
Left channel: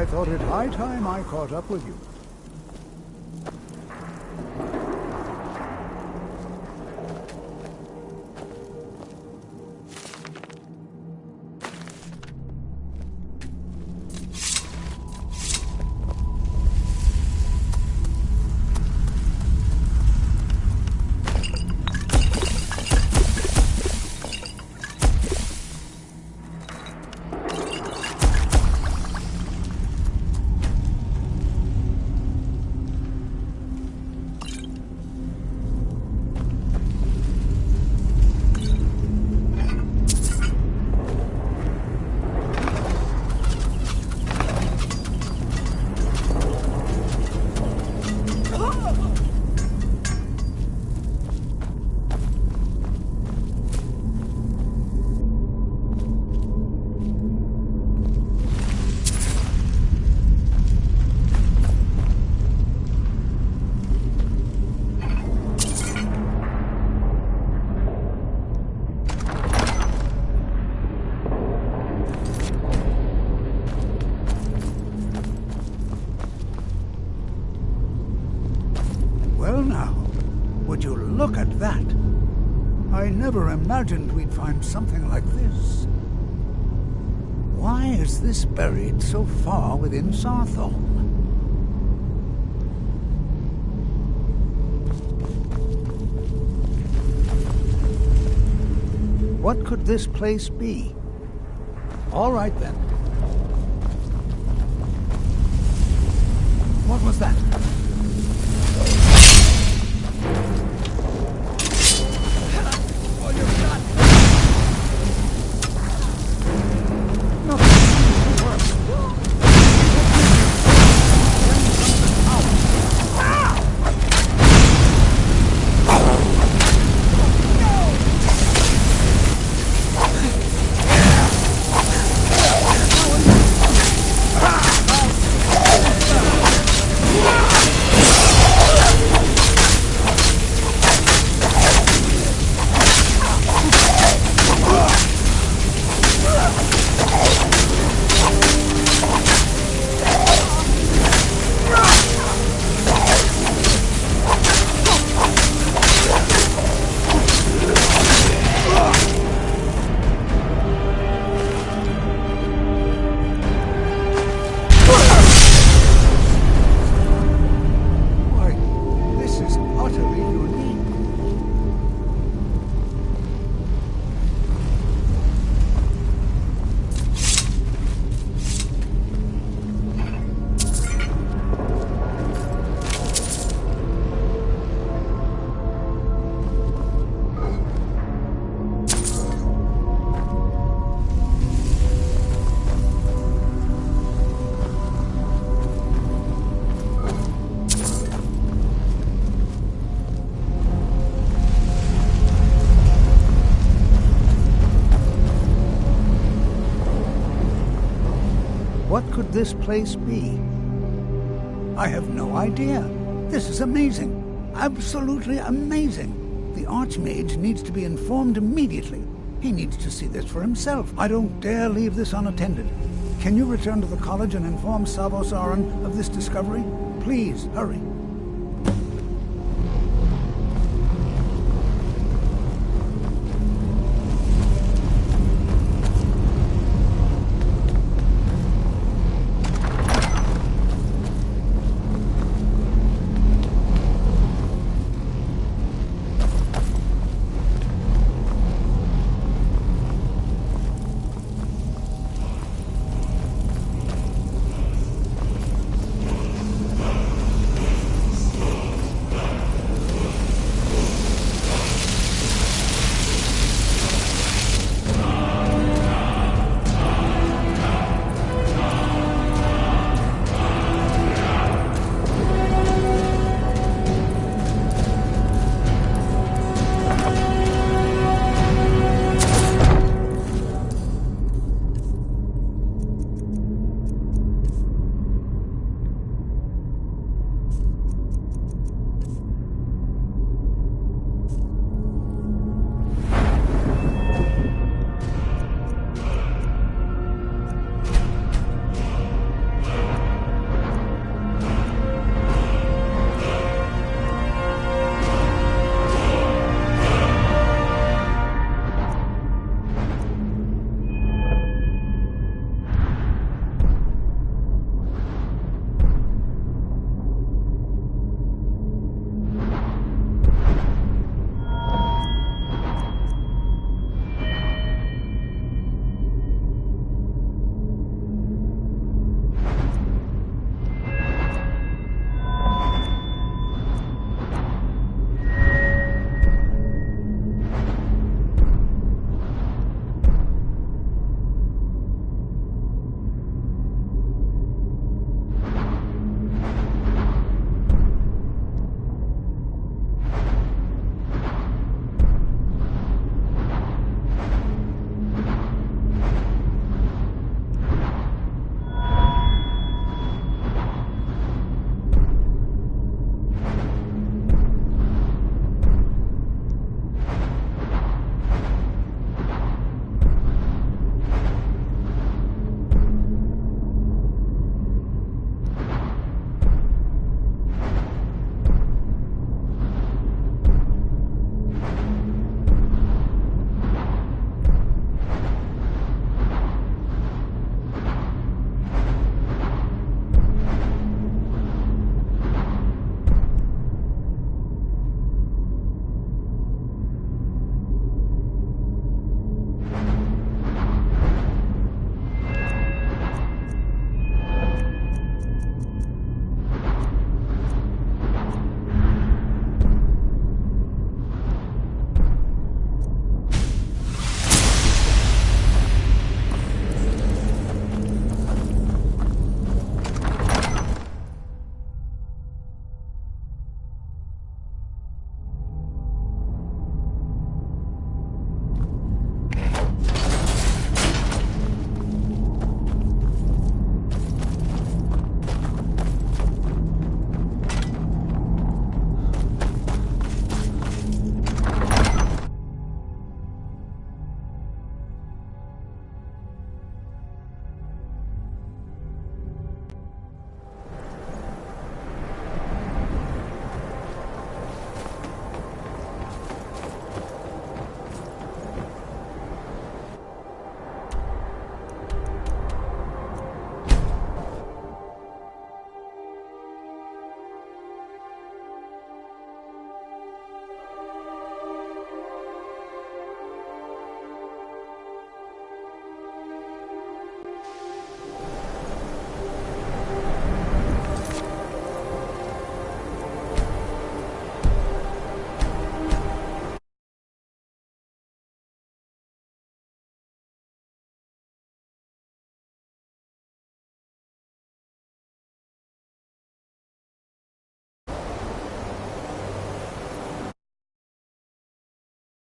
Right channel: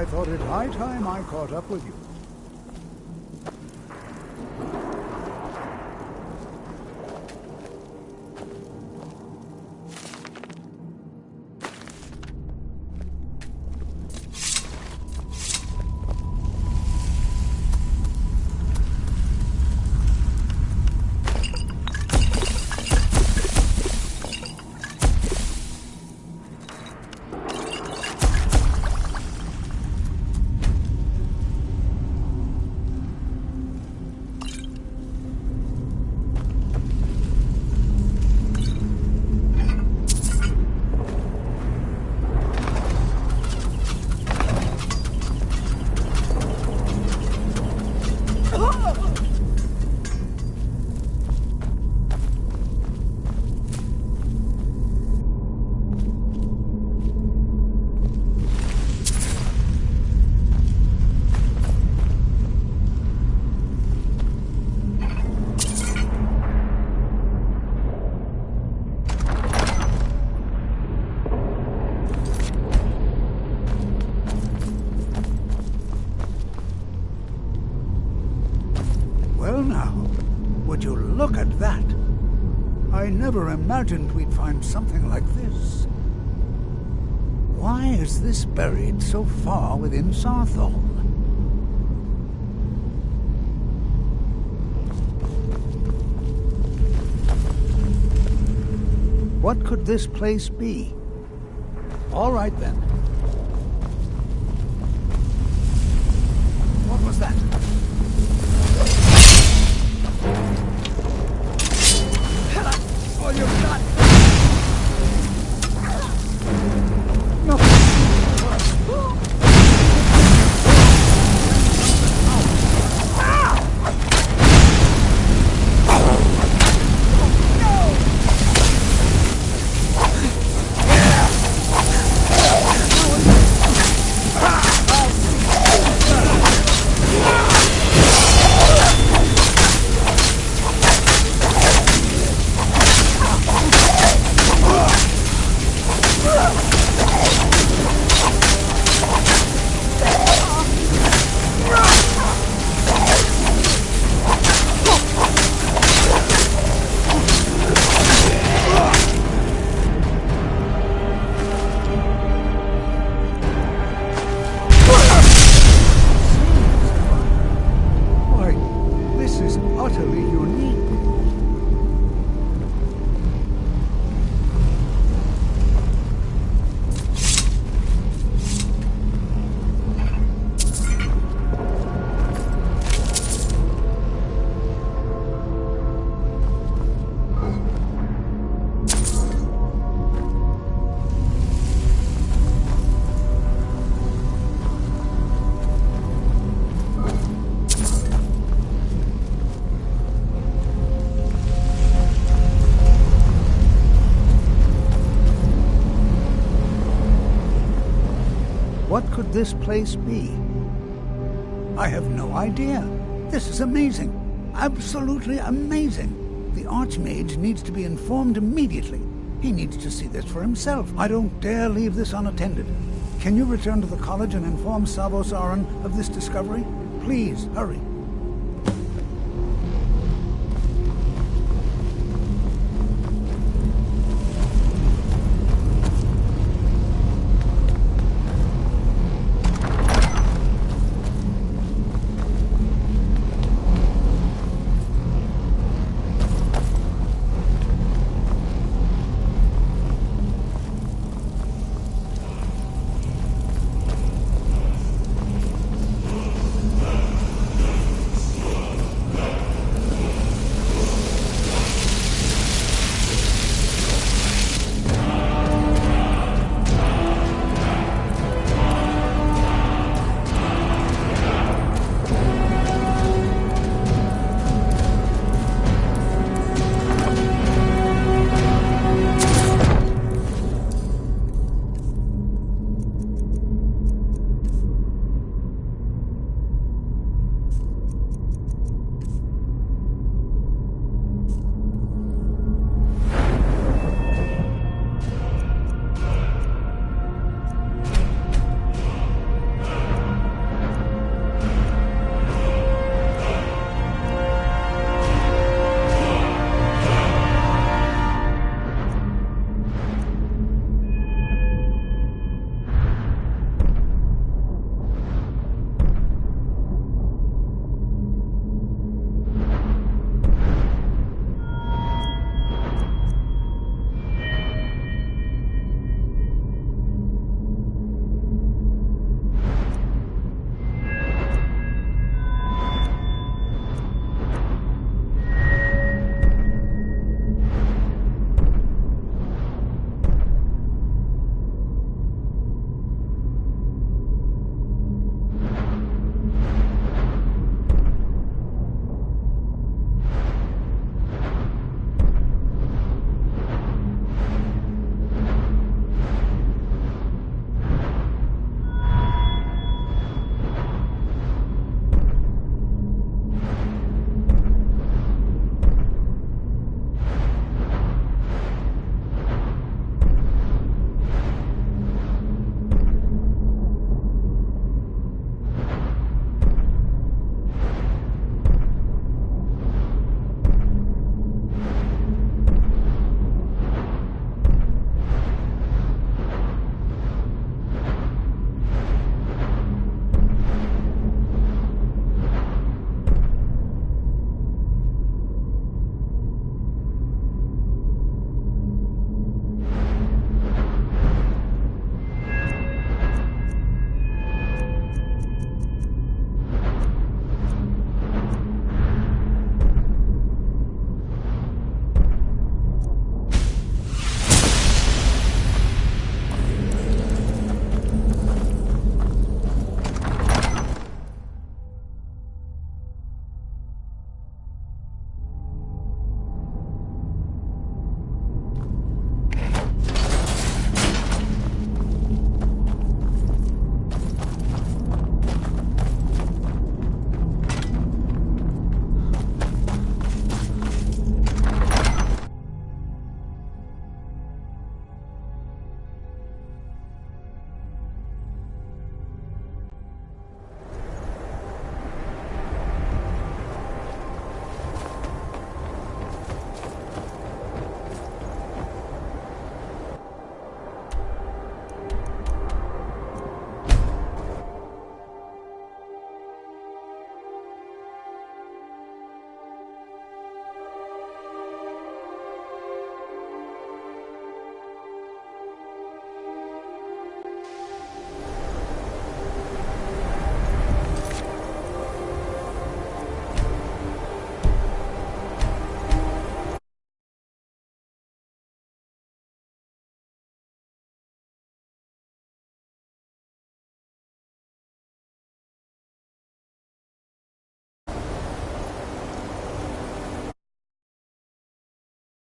I thought it high time I caught up with you. Well now, would you look at that? I never imagined we'd find something like this. Why is this buried so far within Sarthol? What could this place be? All right then. What was that? All you've got. Nothing seems to work. What could this place be? I have no idea. This is amazing. Absolutely amazing. The Archmage needs to be informed immediately. He needs to see this for himself. I don't dare leave this unattended. Can you return to the college and inform Savos Aran of this discovery? Please, hurry.